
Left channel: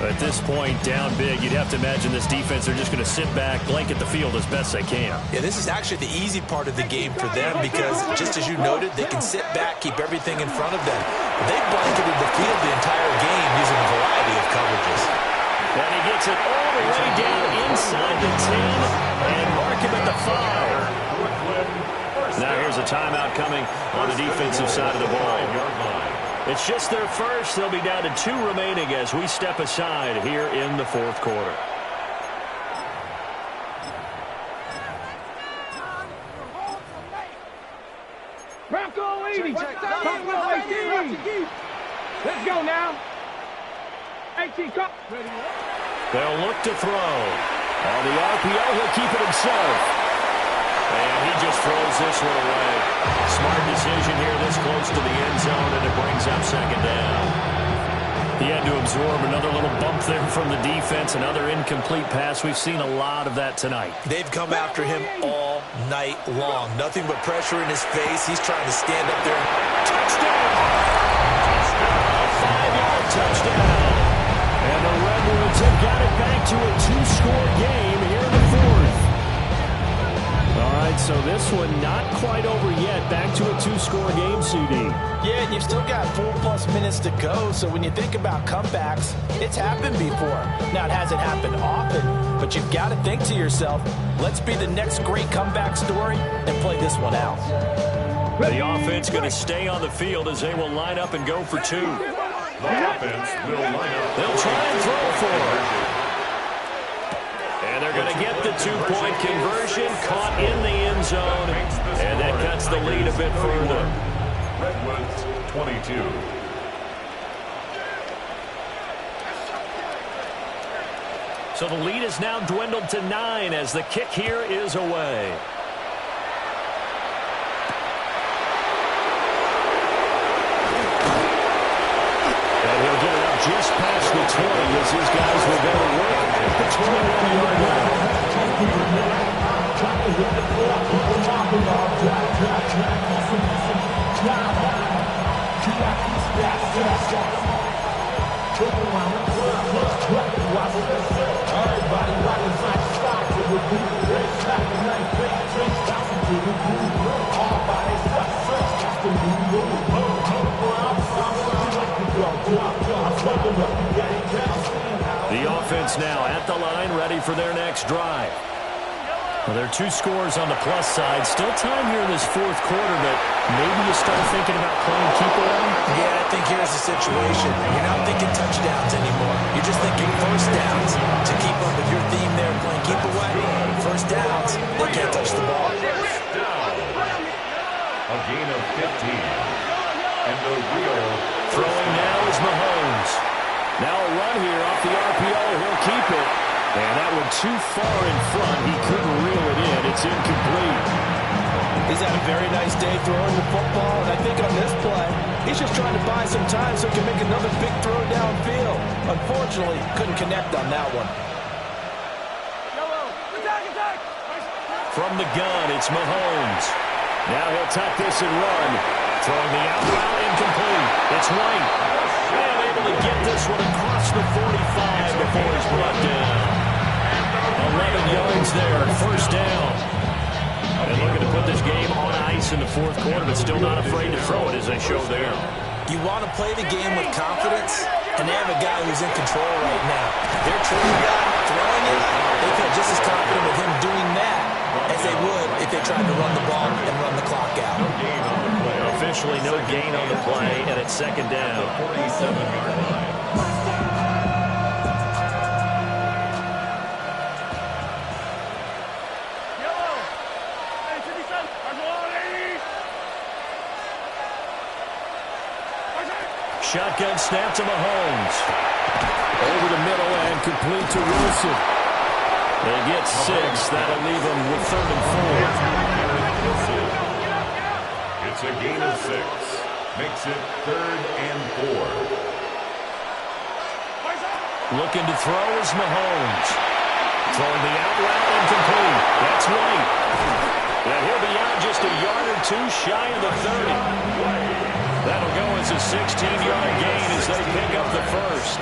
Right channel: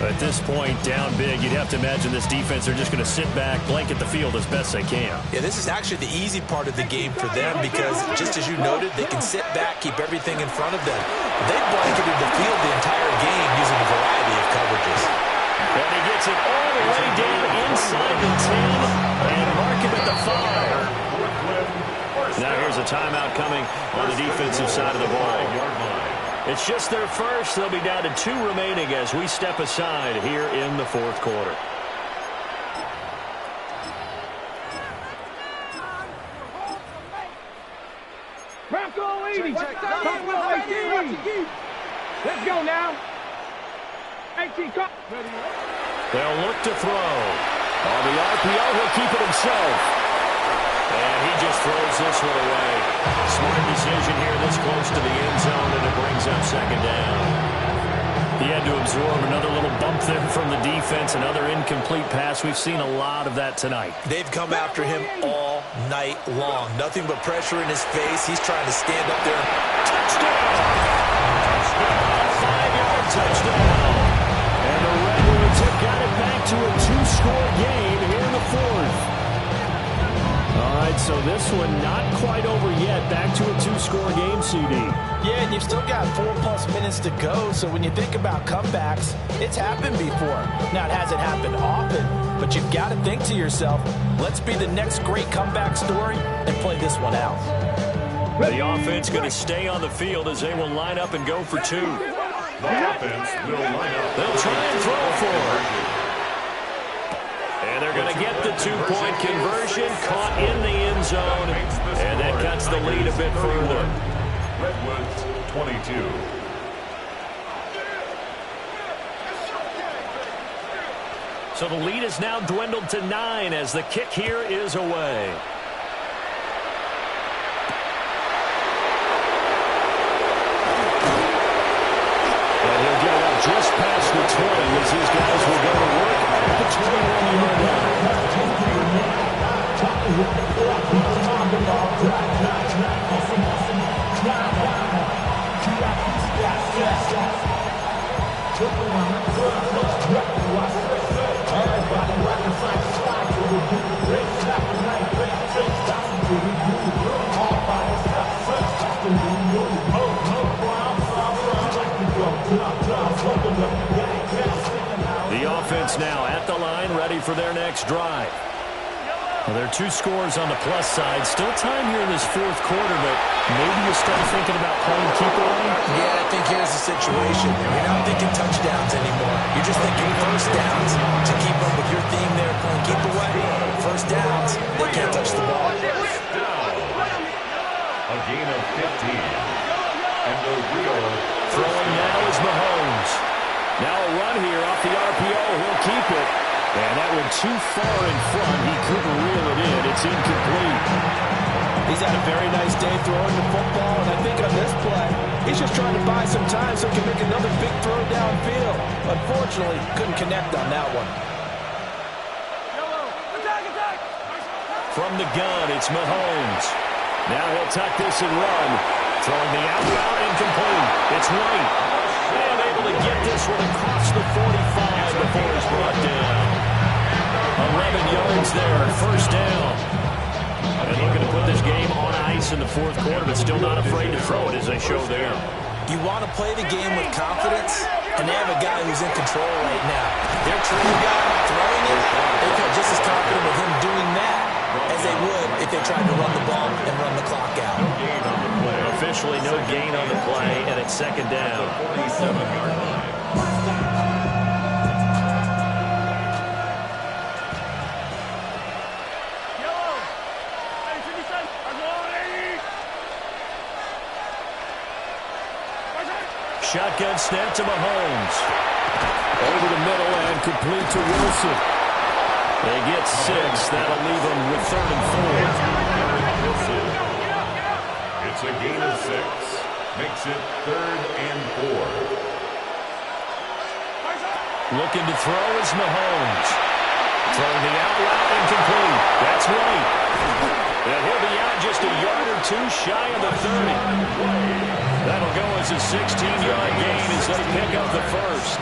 At this point, down big, you'd have to imagine this defense, they're just going to sit back, blanket the field as best they can. Yeah, this is actually the easy part of the game for them because, just as you noted, they can sit back, keep everything in front of them. But they've blanketed the field the entire game using a variety of coverages. And he gets it all the way down inside the 10 and mark him at the 5. Now here's a timeout coming on the defensive side of the ball. It's just their first. They'll be down to 2 remaining as we step aside here in the fourth quarter. Bronco 80. Bronco 18. Let's go now. 18. They'll look to throw. On the RPO, he'll keep it himself. And he just throws this one away. Smart decision here this close to the end zone, and it brings up second down. He had to absorb another little bump there from the defense, another incomplete pass. We've seen a lot of that tonight. They've come after him all night long. Nothing but pressure in his face. He's trying to stand up there. Touchdown! A 5-yard touchdown. And the Redwoods have got it back to a 2-score game here in the fourth. All right, so this one not quite over yet. Back to a 2-score game, CD. Yeah, and you've still got 4+ minutes to go, so when you think about comebacks, it's happened before. Now, it hasn't happened often, but you've got to think to yourself, let's be the next great comeback story and play this one out. The offense going to stay on the field as they will line up and go for 2. The offense will line up. They'll try and throw for it. And they're going to get the 2-point conversion, caught in the end zone, and that cuts the lead a bit further. Redwoods 22. So the lead is now dwindled to 9 as the kick here is away. And he'll get it up just past the 20 as his guys will go to work at the 21-yard line. The offense now at the line, ready for their next drive. Well, there are 2 scores on the plus side. Still time here in this fourth quarter, but maybe you start thinking about playing keep away? Yeah, I think here's the situation. You're not thinking touchdowns anymore. You're just thinking first downs. To keep up with your theme there, playing keep away, first downs, they can't touch the ball. A gain of 15. And the real throwing now is Mahomes. Now a run here off the RPO. He'll keep it. And that went too far in front. He couldn't reel it in. It's incomplete. He's had a very nice day throwing the football, and I think on this play, he's just trying to buy some time so he can make another big throw downfield. Unfortunately, couldn't connect on that one. From the gun, it's Mahomes. Now he'll tuck this and run. Throwing the out route, incomplete. It's White. And able to get this one across the 45 before he's brought down. gain yards there. First down. And looking to put this game on ice in the fourth quarter, but still not afraid to throw it as they show there. You want to play the game with confidence, and they have a guy who's in control right now. Their trigger guy throwing it, they feel just as confident with him doing that as they would if they tried to run the ball and run the clock out. No gain on the play. Officially no gain on the play, and it's second down. 47-yard line. Shotgun snap to Mahomes. Over the middle and complete to Wilson. They get 6. That'll leave them with 3rd and 4. It's a gain of 6. Makes it 3rd and 4. Looking to throw is Mahomes. Throwing the out route incomplete. That's White. And he'll be out just a yard or two shy of the 30. That'll go as a 16-yard gain as they pick up the first.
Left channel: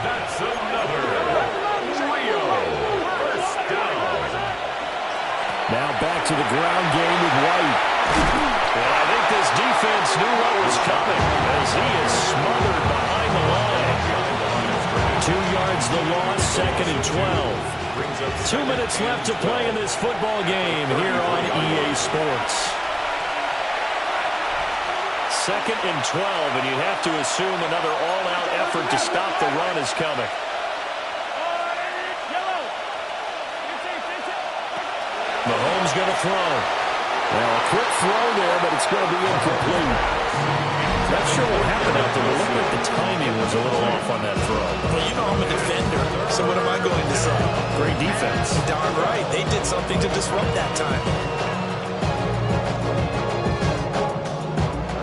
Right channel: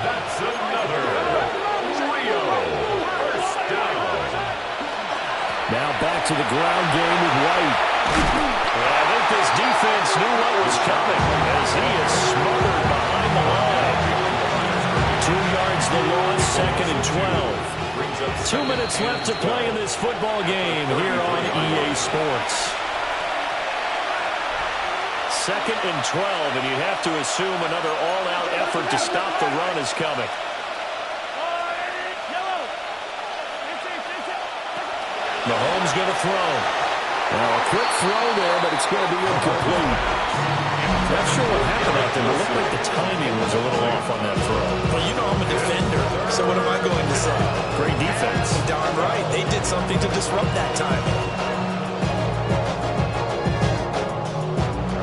That's another Rio first down. Now back to the ground game with White. And I think this defense knew what was coming as he is smothered behind the line. 2 yards the loss, 2nd and 12. 2 minutes left to play in this football game here on EA Sports. 2nd and 12, and you have to assume another all-out effort to stop the run is coming. Mahomes going to throw. Now a quick throw there, but it's going to be incomplete. Not sure what happened out there, but it looked like the timing was a little off on that throw. Well, you know I'm a defender, so what am I going to say? Great defense. Darn right. They did something to disrupt that timing.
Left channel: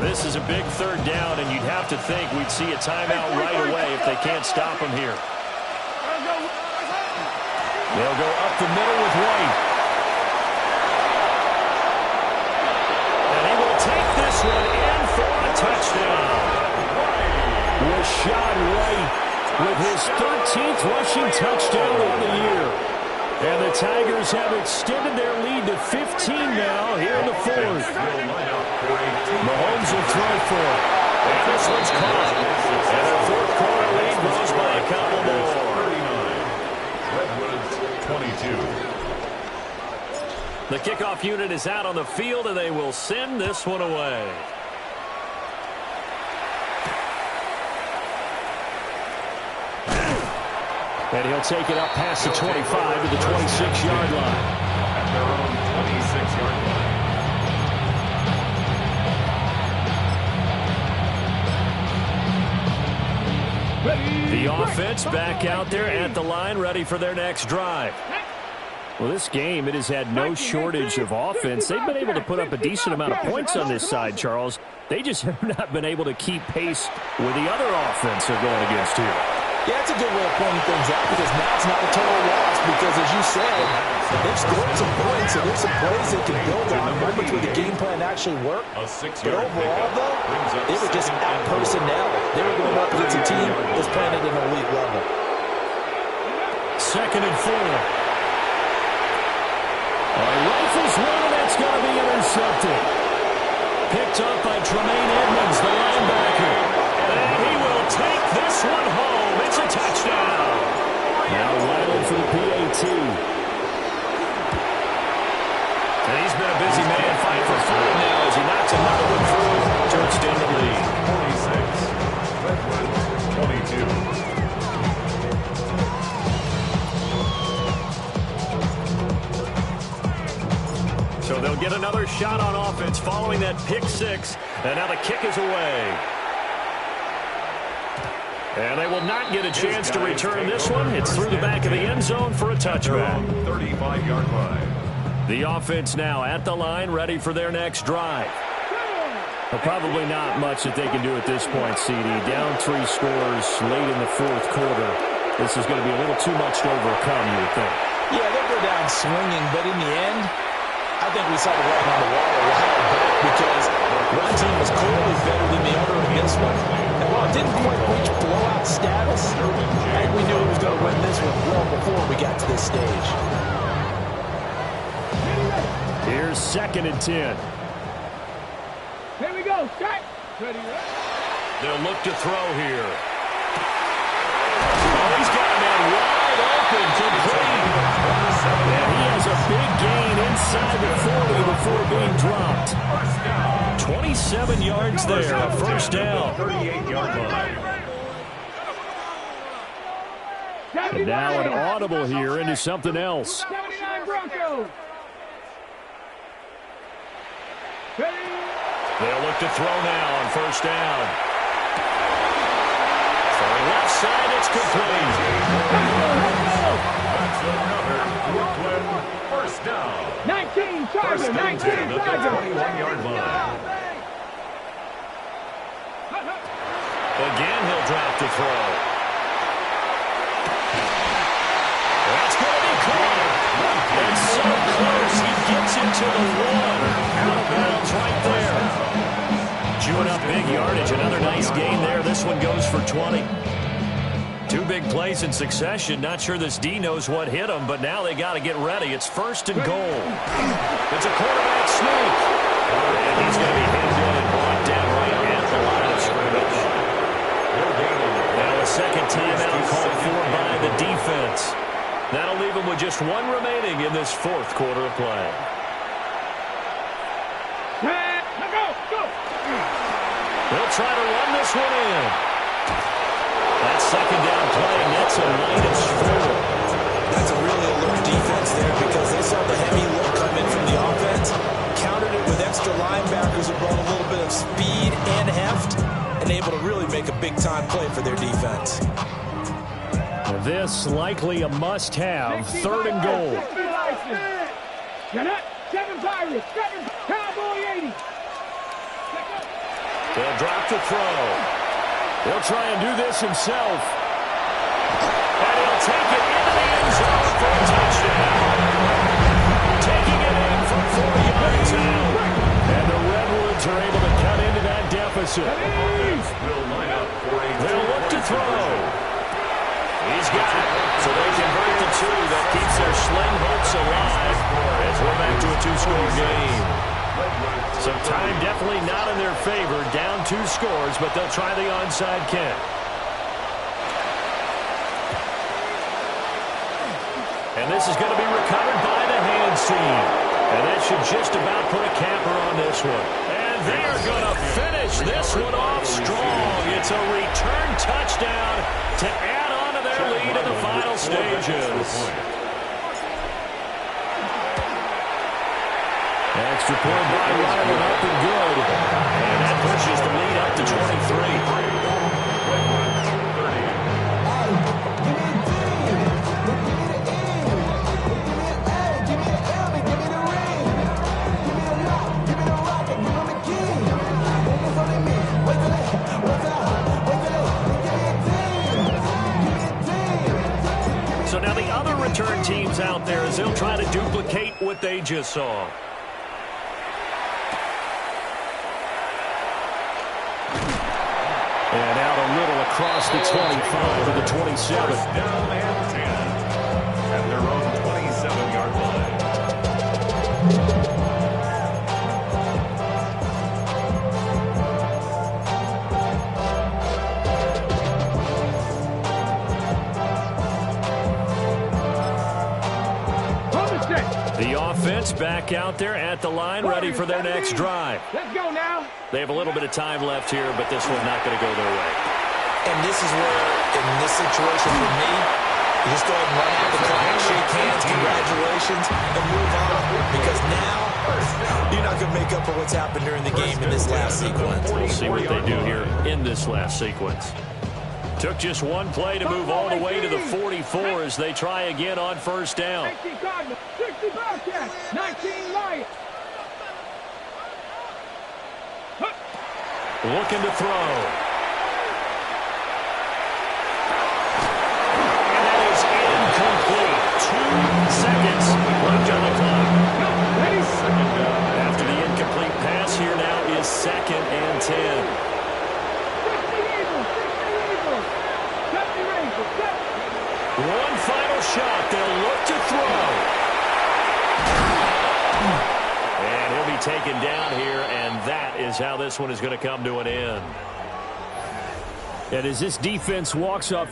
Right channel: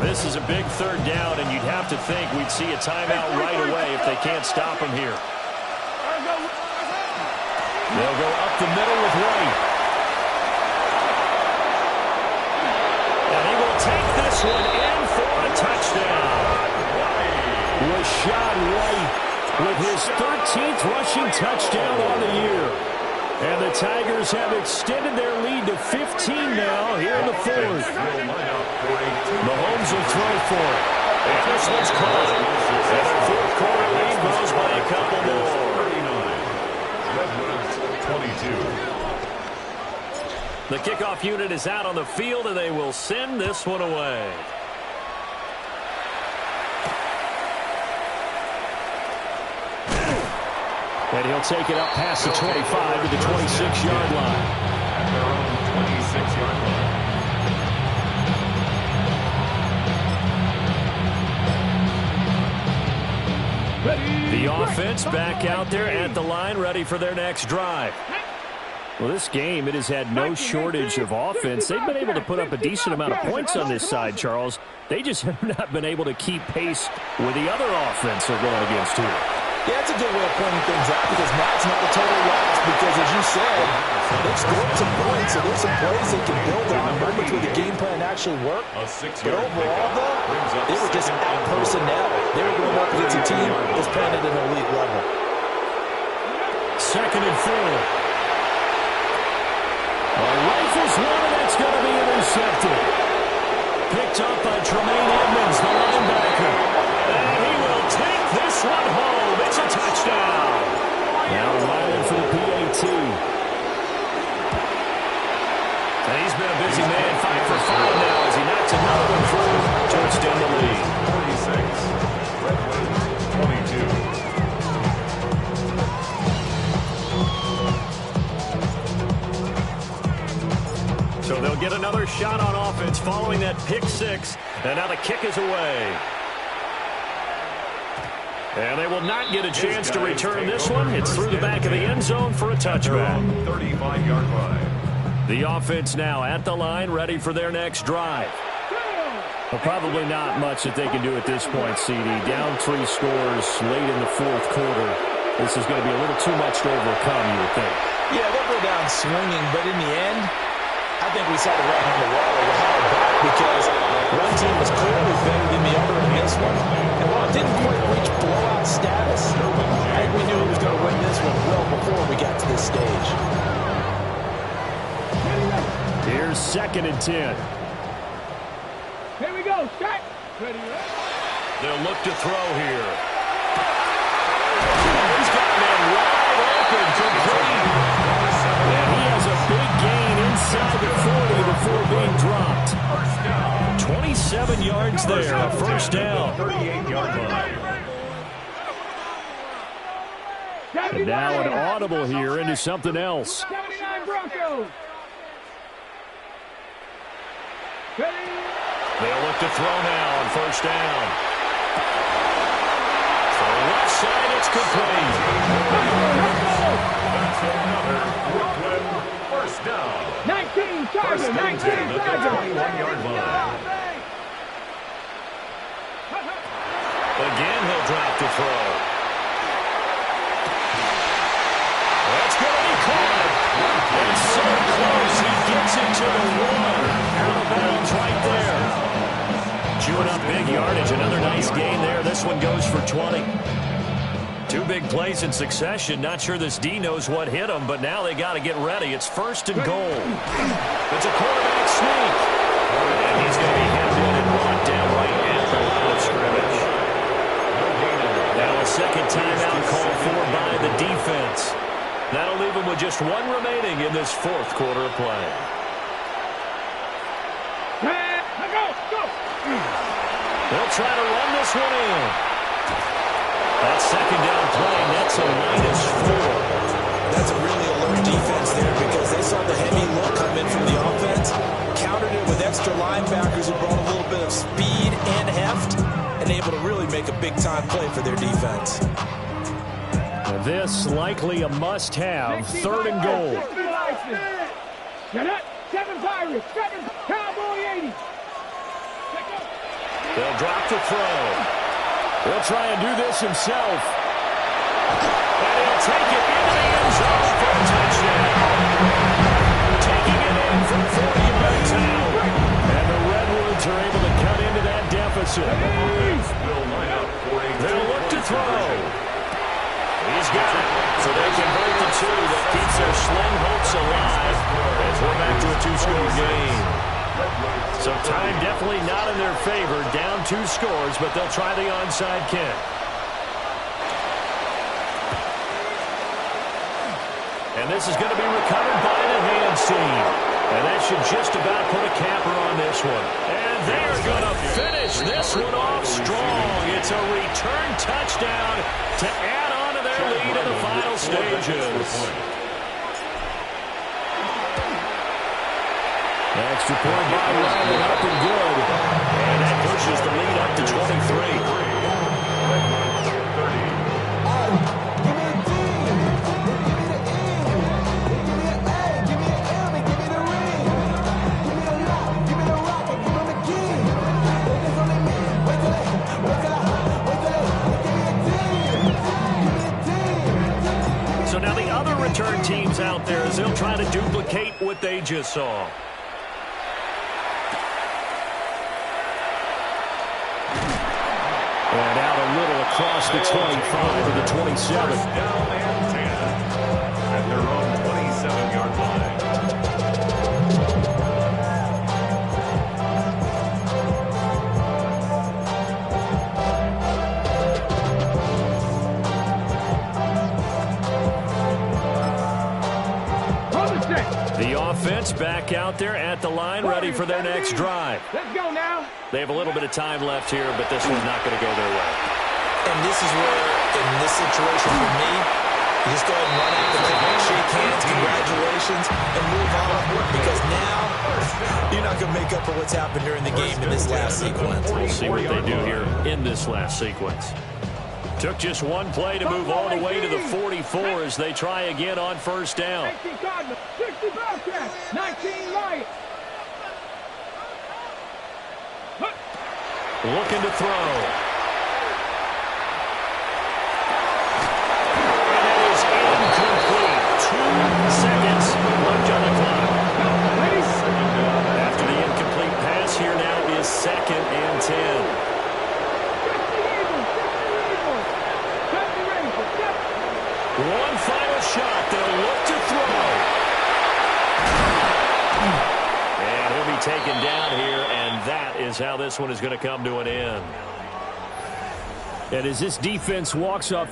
This is a big 3rd down, and you'd have to think we'd see a timeout right away if they can't stop him here. They'll go up the middle with White. And he will take this one in for a touchdown. Rashad White with his 13th rushing touchdown on the year. And the Tigers have extended their lead to 15 now here in the 4th. Mahomes will throw for it. And this one's caught. And their 4th quarter lead grows by a couple more. 39. Redwoods 22. The kickoff unit is out on the field, and they will send this one away. And he'll take it up past the 25 to the 26-yard line. At their own 26-yard line. The offense back out there at the line, ready for their next drive. Well, this game, it has had no shortage of offense. They've been able to put up a decent amount of points on this side, Charles. They just have not been able to keep pace with the other offense they're going against here. Yeah, that's a good way of pointing things out because now it's not a total loss because, as you said, they've scored some points, so there's some plays they can build on, moments where the game plan actually worked. But overall, though, they were just out personnel. They were going up against a team that's playing at an elite level. 2nd and 4. Rifles one, and that's going to be intercepted. Picked up by Tremaine Edmonds, the linebacker. And he will take this one home. It's a touchdown. Now Wyland for the PAT. And he's been a busy man, 5 for 5 now as he knocks another one through to extend the lead. 46, Redwoods 22. So they'll get another shot on offense following that pick 6. And now the kick is away. And they will not get a chance to return this one. It's through the back of the end zone for a touchback. 35-yard line. The offense now at the line, ready for their next drive. Well, probably not much that they can do at this point, CD. Down 3 scores late in the 4th quarter. This is going to be a little too much to overcome, you would think. Yeah, they'll go down swinging, but in the end, I think we saw the writing on the wall a while back because one team was clearly better than the other in this one. And while it didn't quite reach blowout status, I think we knew he was going to win this one well before we got to this stage. Here's 2nd and 10. Here we go. Start. Ready. They'll look to throw here. Oh, he's got a man wide open, complete. And he has a big gain inside the 40 before being dropped. 27 yards there, a first down. 38-yard line. And now an audible here into something else. 79 Broncos. Ready. They'll look to throw now on first down. Throwing left side, it's complete. That's another Brooklyn first down. 19 Chargers. First and 19 10 at the Chargers. 21-yard line. Again, he'll drop to throw. That's going to be caught. And so close, he gets it to the 1. Out of bounds right there. Chewing up big yardage. Another nice gain there. This one goes for 20. 2 big plays in succession. Not sure this D knows what hit him, but now they got to get ready. It's 1st and goal. It's a quarterback sneak. And he's going to be hemmed in and brought down right at the line of scrimmage. Now a second timeout called for by the defense. That'll leave him with just 1 remaining in this 4th quarter of play. Go. They'll try to run this one in. That second down play nets a -4. That's a really alert defense there because they saw the heavy look come in from the offense, countered it with extra linebackers who brought a little bit of speed and heft, and able to really make a big-time play for their defense. This likely a must-have. 3rd and goal. Get up. 7 Pirates. 7 Cowboy 80. They'll drop to throw. He'll try and do this himself. And he'll take it into the end zone for a touchdown. Taking it in from 4 yards out. And the Redwoods are able to cut into that deficit. Will line up for a They'll look to throw. He's got it. So they convert the 2. That keeps their slim hopes alive as we're back to a 2-score game. So time definitely not in their favor. Down 2 scores, but they'll try the onside kick. And this is going to be recovered by the hands team. And that should just about put a capper on this one. And they're going to finish this one off strong. It's a return touchdown to add on to their lead in the final stages. Extra point by Riley, up and good. And that pushes the lead up to 23. Redwoods 30. Give me a D. Give me the E. Give me an A. Give me an M. And give me the ring. Give me the lock. Give me the rock. And give me the key. If it's only me, wait till they give me a team. Give me a team. So now the other return teams out there as they'll try to duplicate what they just saw. And out a little across the 25 to the 27. First down and 10 at their own 27-yard line. The offense back out there at the line, ready for their next drive. Let's go now. They have a little bit of time left here, but this one's not going to go their way. And this is where, in this situation for me, you just go ahead and run out the clock, shake hands, congratulations, and move on. Because now, you're not going to make up for what's happened during the game in this last sequence. We'll see what they do here in this last sequence. Took just 1 play to move all the way to the 44 as they try again on first down. 19 Cardinals, 60 Bobcats, 19 Lions. Looking to throw. And that is incomplete. 2 seconds left on the clock. After the incomplete pass, here now is 2nd and 10. One final shot. They'll look to throw. And he'll be taken down here, and that is how this one is going to come to an end. And as this defense walks off the